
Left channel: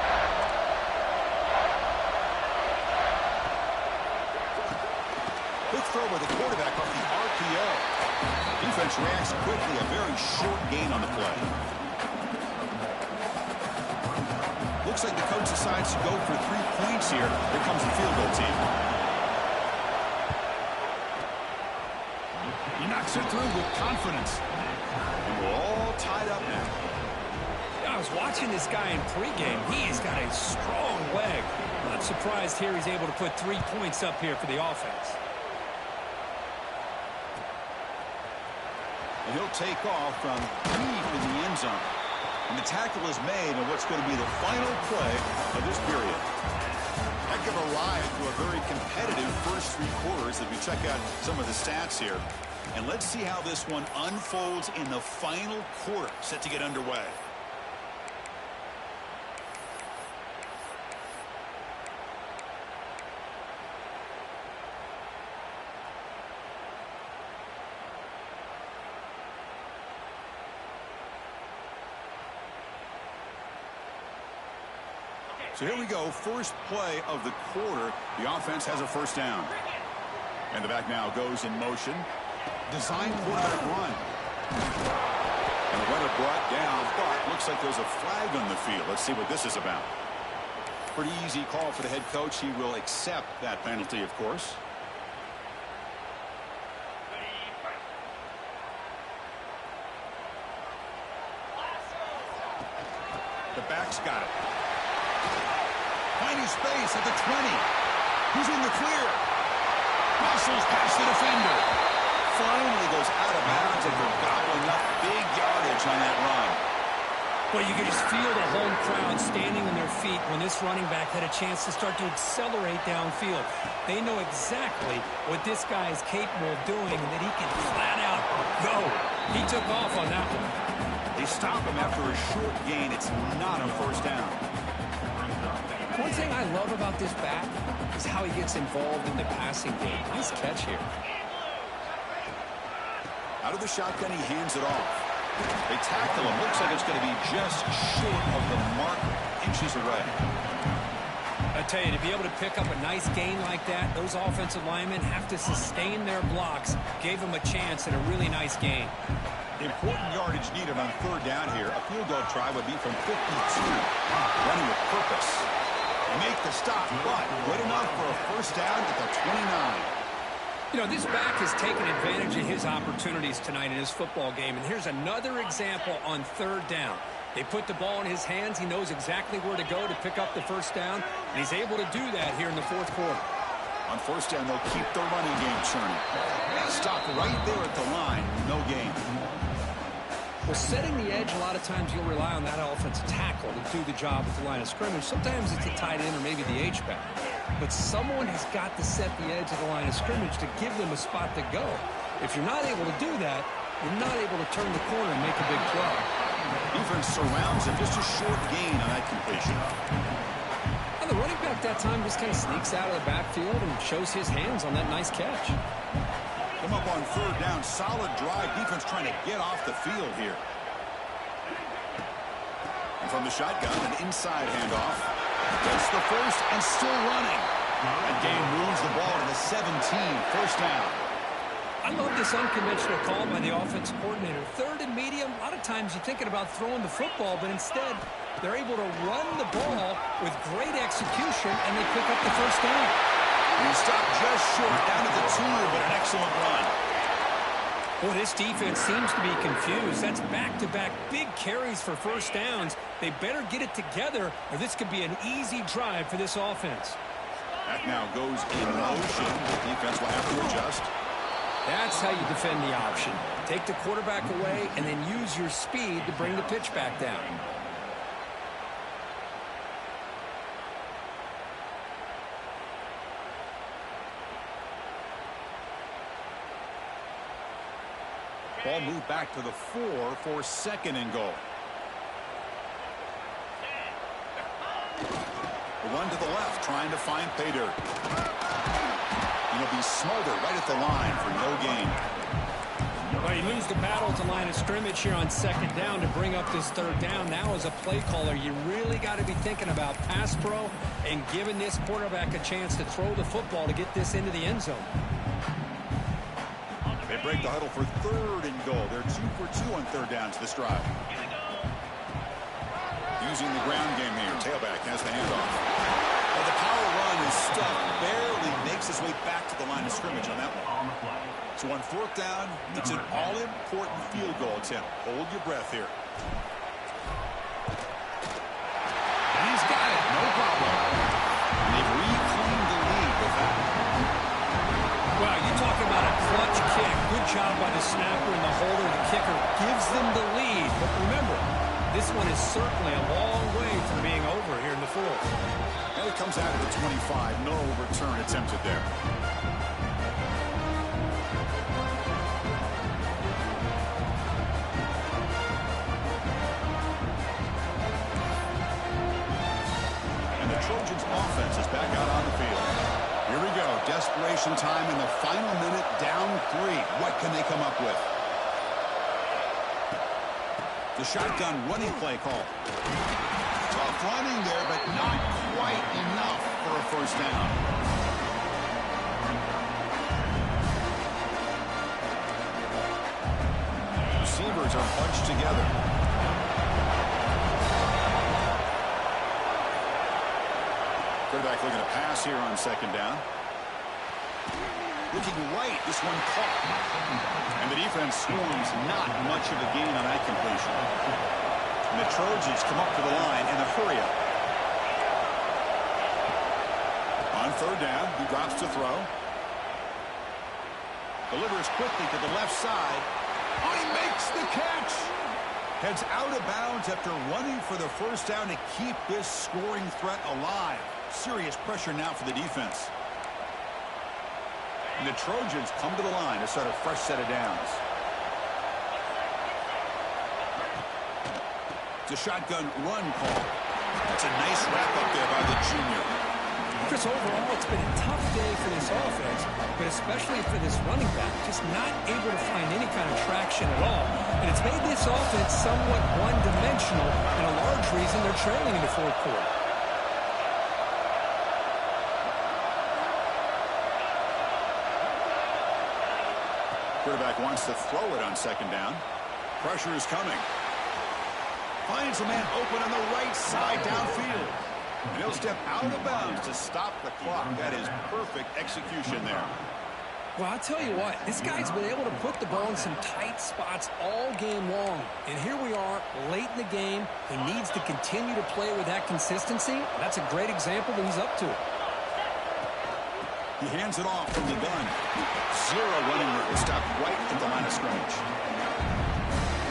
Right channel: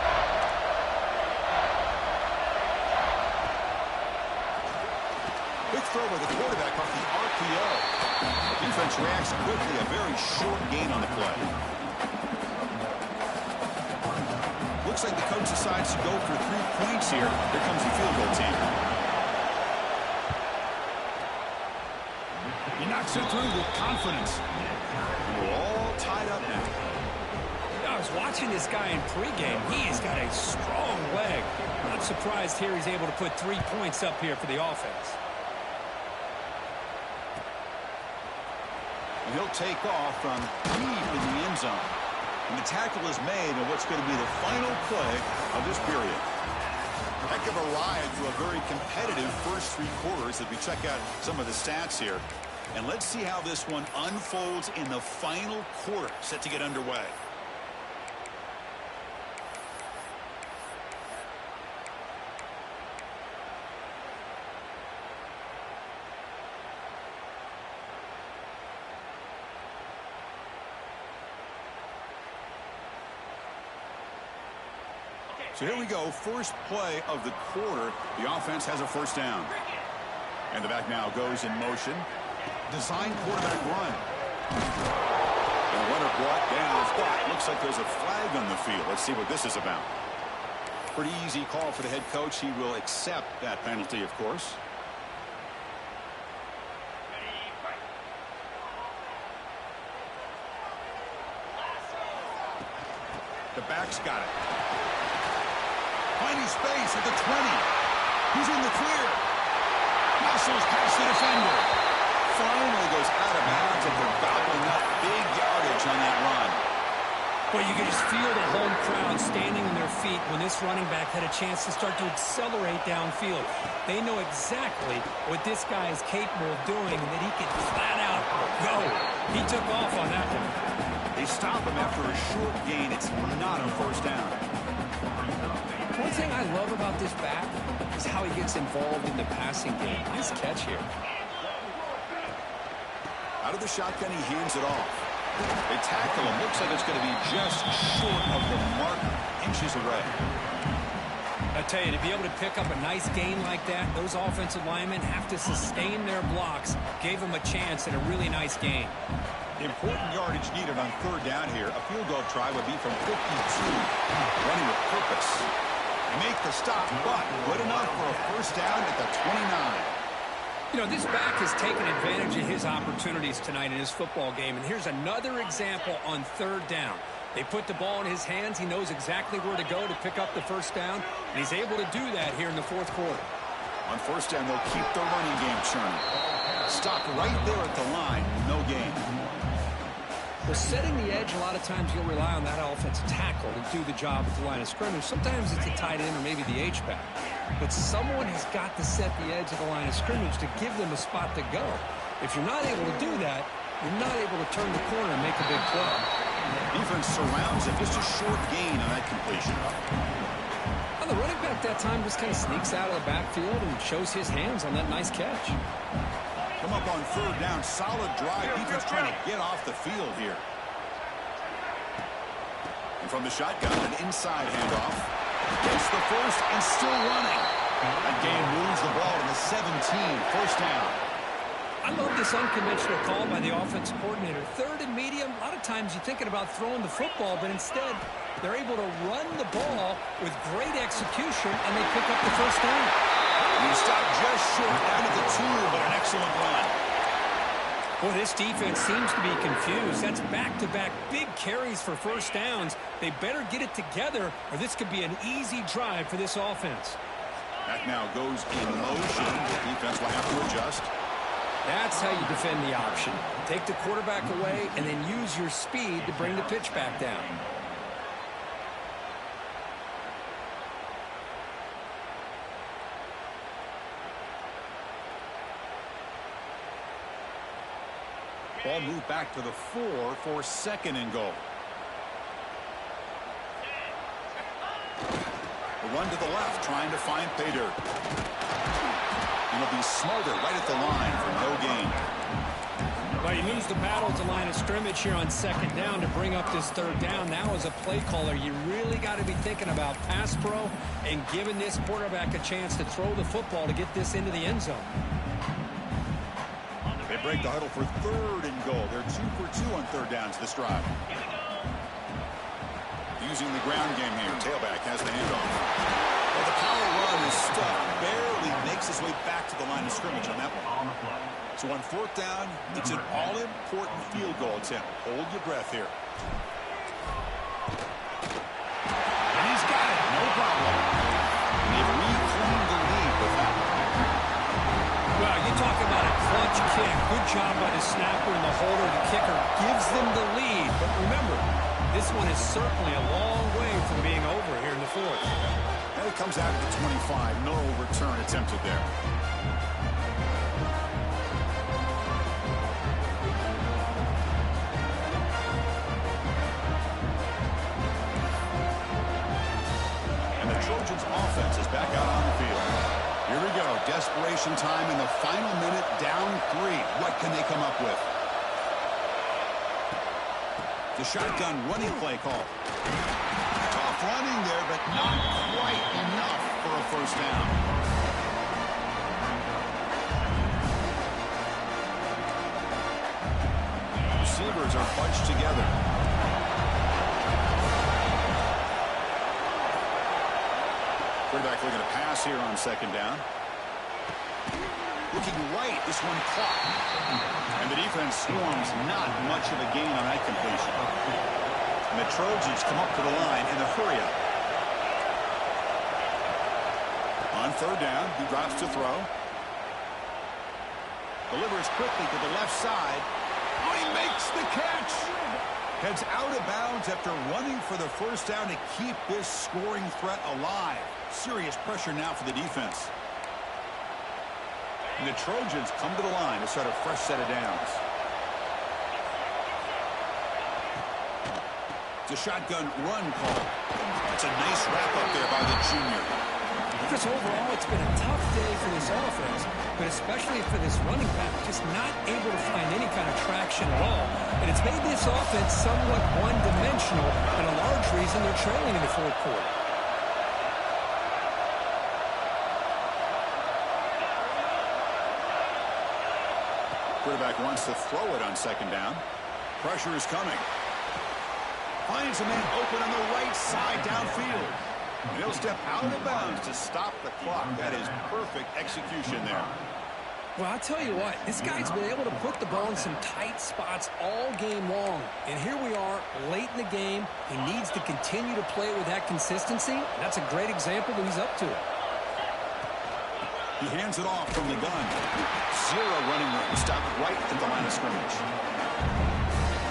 Quick throw by the quarterback off the RPO. Defense reacts quickly. A very short gain on the play. Looks like the coach decides to go for 3 points here. Here comes the field goal team. makes it through with confidence. And we're all tied up now. I was watching this guy in pregame. He has got a strong leg. Not surprised here he's able to put 3 points up here for the offense. And he'll take off from deep in the end zone. And the tackle is made on what's going to be the final play of this period. Heck of a ride through a very competitive first 3 quarters as we check out some of the stats here. And let's see how this one unfolds in the final quarter set to get underway. So here we go, first play of the quarter. The offense has a first down. And the back now goes in motion. Design quarterback run. And the runner brought down, but looks like there's a flag on the field. Let's see what this is about. Pretty easy call for the head coach. He will accept that penalty, of course. The back's got it. Finding space at the 20. He's in the clear. Muscles past the defender. Finally goes out of bounds after gobbling up big yardage on that run. Well, you can just feel the home crowd standing on their feet when this running back had a chance to start to accelerate downfield. They know exactly what this guy is capable of doing and that he can flat out go. He took off on that one. They stop him after a short gain. It's not a first down. One thing I love about this back is how he gets involved in the passing game. Nice catch here. Out of the shotgun, he hands it off. They tackle him. Looks like it's going to be just short of the marker, inches away. I tell you, to be able to pick up a nice gain like that, those offensive linemen have to sustain their blocks. Gave him a chance at a really nice gain. Important yardage needed on third down here. A field goal try would be from 52. Running with purpose. They make the stop, but good enough for a first down at the 29. You know, this back has taken advantage of his opportunities tonight in his football game. And here's another example on third down. They put the ball in his hands. He knows exactly where to go to pick up the first down. And he's able to do that here in the fourth quarter. On first down, they'll keep the running game churning. Stop right there at the line. No gain. Well, setting the edge, a lot of times you'll rely on that offensive tackle to do the job at the line of scrimmage. Sometimes it's a tight end or maybe the H-back. But someone has got to set the edge of the line of scrimmage to give them a spot to go. If you're not able to do that, you're not able to turn the corner and make a big play. Defense surrounds him. Just a short gain on that completion. Well, the running back that time just kind of sneaks out of the backfield and shows his hands on that nice catch. Come up on third down. Solid drive. Defense trying to get off the field here. And from the shotgun, an inside handoff. Gets the first and still running. That game moves the ball to the 17. First down. I love this unconventional call by the offensive coordinator. Third and medium, a lot of times you're thinking about throwing the football, but instead they're able to run the ball with great execution, and they pick up the first down. And he stopped just short down at the 2, but an excellent run. Well, this defense seems to be confused. That's back-to-back big carries for first downs. They better get it together, or this could be an easy drive for this offense. That now goes in motion. The defense will have to adjust. That's how you defend the option. Take the quarterback away and then use your speed to bring the pitch back down. Ball moved back to the 4 for second and goal. A run to the left, trying to find pay dirt. He'll be smothered right at the line for no gain. Well, he moves the battle at the line of scrimmage here on second down to bring up this third down. Now, as a play caller, you really got to be thinking about pass pro and giving this quarterback a chance to throw the football to get this into the end zone. They break the huddle for third and goal. They're 2 for 2 on third downs this drive. Using the ground game here. Tailback has the handoff. Well, the power run is stuffed, barely makes his way back to the line of scrimmage on that one. On the play. So on fourth down, it's an all-important field goal attempt. Hold your breath here. And he's got it, no problem. And they've reclaimed the lead with that. Well, you talk about a clutch kick. Good job by the snapper and the holder. The kicker gives them the lead. But remember, this one is certainly a long way from being over here in the fourth. And it comes out of the 25. No return attempted there. And the Trojans' offense is back out on the field. Here we go. Desperation time in the final minute, down 3. What can they come up with? The shotgun running play call. Tough running there, but not quite enough for a first down. Receivers are bunched together. Quarterback looking to pass here on second down. Looking right, this one caught. And the defense swarms, not much of a gain on that completion. And the Trojans come up to the line in a hurry-up. On third down, he drops to throw. Delivers quickly to the left side. Oh, he makes the catch! Heads out of bounds after running for the first down to keep this scoring threat alive. Serious pressure now for the defense. And the Trojans come to the line to start a fresh set of downs. It's a shotgun run call. That's a nice wrap up there by the junior. Chris, overall, it's been a tough day for this offense, but especially for this running back, just not able to find any kind of traction at all. And it's made this offense somewhat one-dimensional, and a large reason they're trailing in the fourth quarter. Quarterback wants to throw it on second down. Pressure is coming. Finds a man open on the right side downfield. And he'll step out of bounds to stop the clock. That is perfect execution there. Well, I'll tell you what, this guy's been able to put the ball in some tight spots all game long. And here we are, late in the game. He needs to continue to play with that consistency. That's a great example that he's up to it. He hands it off from the gun. Zero running room. Stopped right at the line of scrimmage.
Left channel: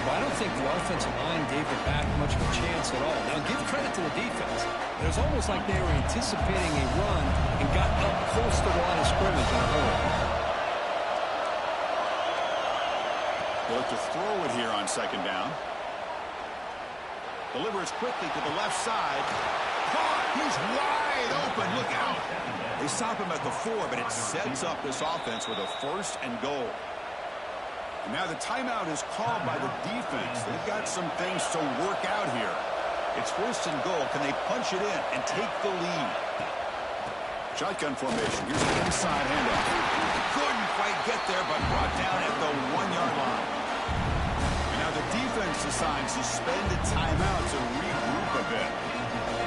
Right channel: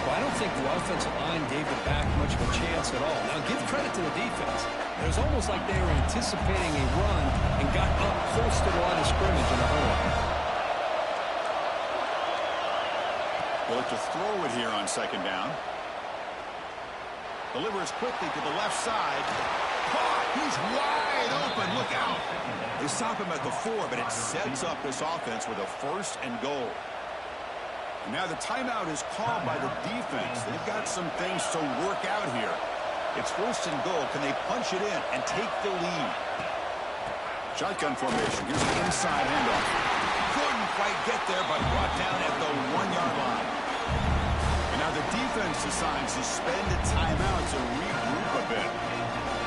Well, I don't think the offensive line gave the back much of a chance at all. Now, give credit to the defense. It was almost like they were anticipating a run and got up close to the line of scrimmage in a hurry. They'll look to throw it here on second down. Delivers quickly to the left side. Caught! He's wide open. Look out! They stop him at the 4, but it sets up this offense with a first and goal. And now the timeout is called by the defense. They've got some things to work out here. It's first and goal. Can they punch it in and take the lead? Shotgun formation. Here's the inside handoff. Couldn't quite get there, but brought down at the 1-yard line. And now the defense decides to spend a timeout to regroup a bit.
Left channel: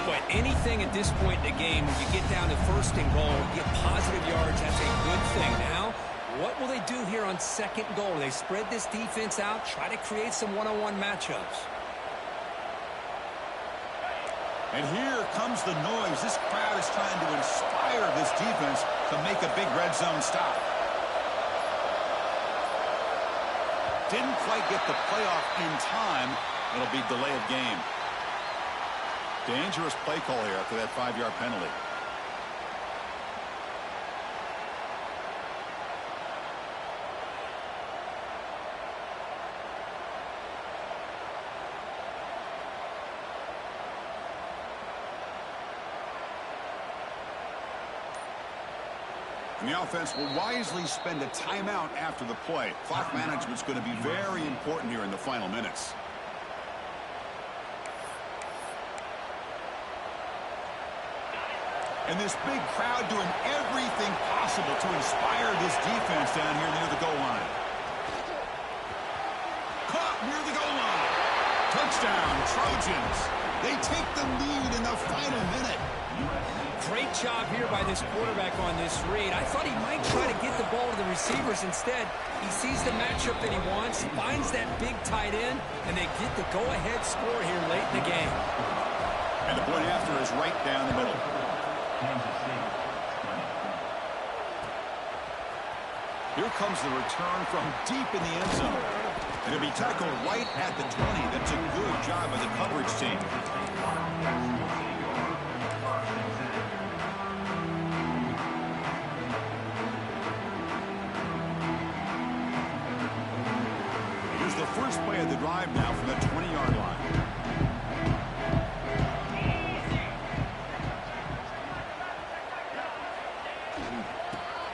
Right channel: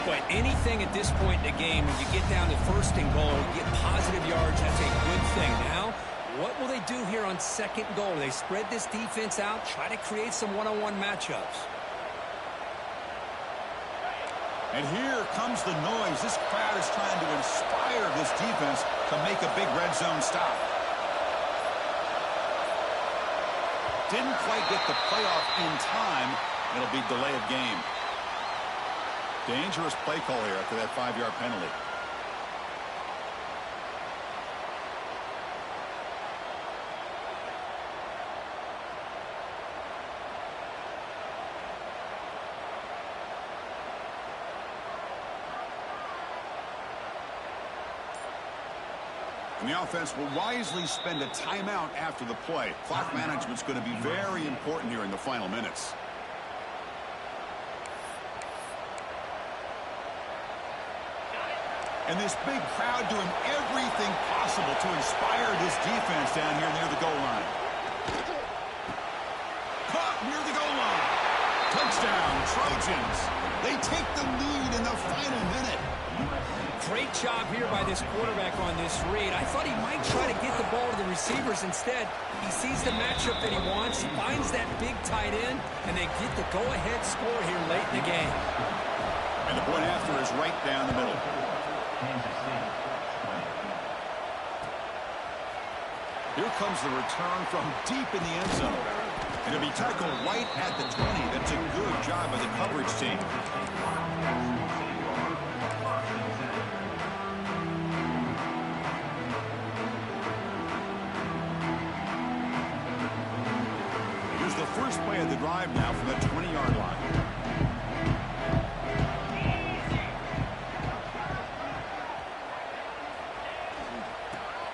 But anything at this point in the game, when you get down to first and goal, you get positive yards, that's a good thing. Now, what will they do here on second goal? They spread this defense out, try to create some one-on-one matchups. And here comes the noise. This crowd is trying to inspire this defense to make a big red zone stop. Didn't quite get the playoff in time. It'll be delay of game. Dangerous play call here after that 5-yard penalty. And the offense will wisely spend a timeout after the play. Clock management's going to be very important here in the final minutes. And this big crowd doing everything possible to inspire this defense down here near the goal line. Caught near the goal line. Touchdown, Trojans. They take the lead in the final minute. Great job here by this quarterback on this read. I thought he might try to get the ball to the receivers. Instead, he sees the matchup that he wants, finds that big tight end, and they get the go-ahead score here late in the game. And the point after is right down the middle. Kansas City, 20. Here comes the return from deep in the end zone. And it'll be tackled right at the 20. That's a good job by the coverage team. Here's the first play of the drive now from the 20-yard line.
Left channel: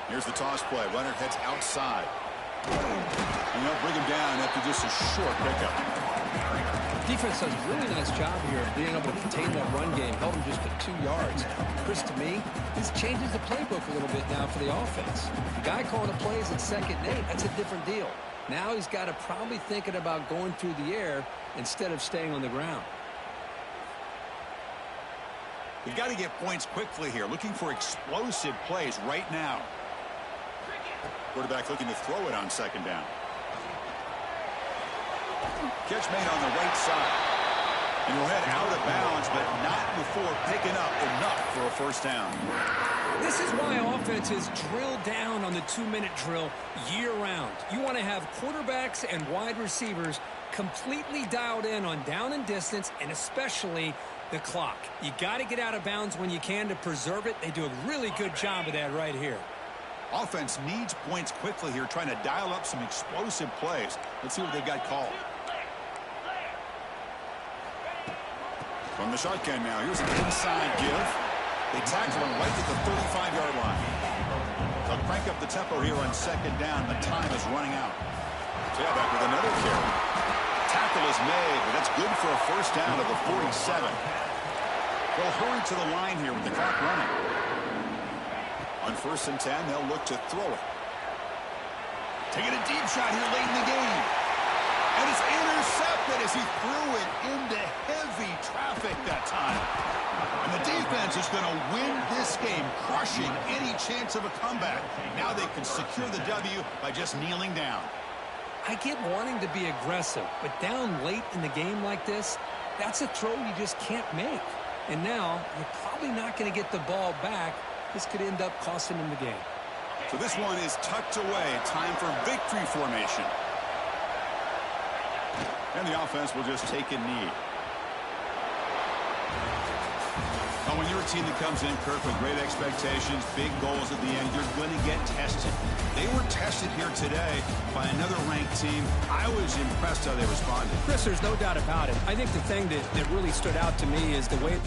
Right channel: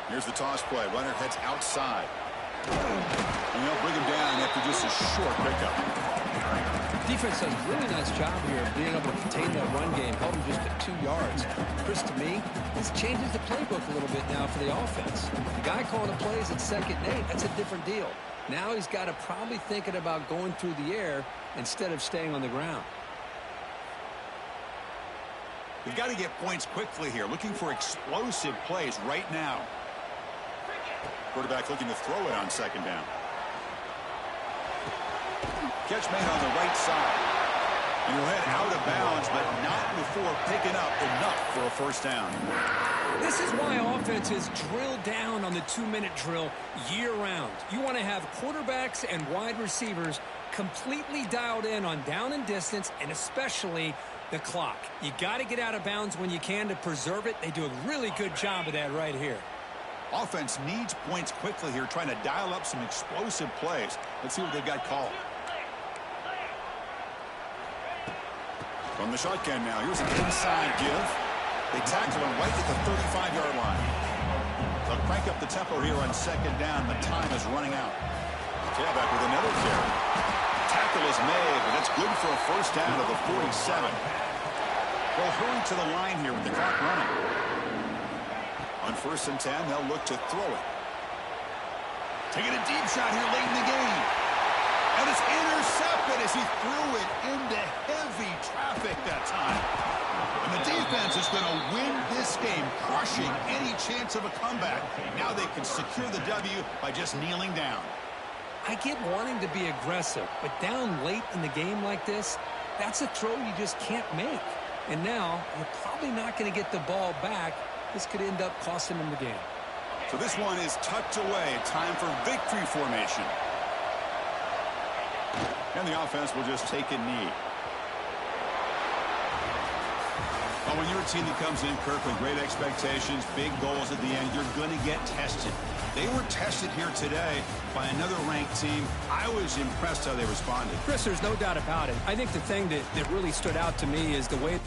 Here's the toss play. Runner heads outside. And they'll bring him down after just a short pickup. Defense does a really nice job here of being able to contain that run game. Held him just at 2 yards. Chris, to me, this changes the playbook a little bit now for the offense. The guy calling the plays at 2nd and 8, that's a different deal. Now he's got to probably thinking about going through the air instead of staying on the ground. You've got to get points quickly here. Looking for explosive plays right now. Quarterback looking to throw it on 2nd down. Catch made on the right side. And he'll head out of bounds, but not before picking up enough for a first down. This is why offenses drill down on the 2-minute drill year-round. You want to have quarterbacks and wide receivers completely dialed in on down and distance, and especially the clock. You got to get out of bounds when you can to preserve it. They do a really good job of that right here. Offense needs points quickly here, trying to dial up some explosive plays. Let's see what they've got called. From the shotgun now, here's an inside give. They tackle him right at the 35-yard line. They'll crank up the tempo here on 2nd down. The time is running out. Tailback with another carry. Tackle is made, but that's good for a first down of the 47. They'll hurry to the line here with the clock running. On 1st and 10, they'll look to throw it. Taking a deep shot here late in the game. And it's intercepted as he threw it into heavy traffic that time. And the defense is going to win this game, crushing any chance of a comeback. Now they can secure the W by just kneeling down. I get wanting to be aggressive, but down late in the game like this, that's a throw you just can't make. And now you're probably not going to get the ball back. This could end up costing them the game. So this one is tucked away. Time for victory formation. And the offense will just take a knee. Well, when you're a team that comes in, Kirk, with great expectations, big goals at the end, you're going to get tested. They were tested here today by another ranked team. I was impressed how they responded. Chris, there's no doubt about it. I think the thing that really stood out to me is the way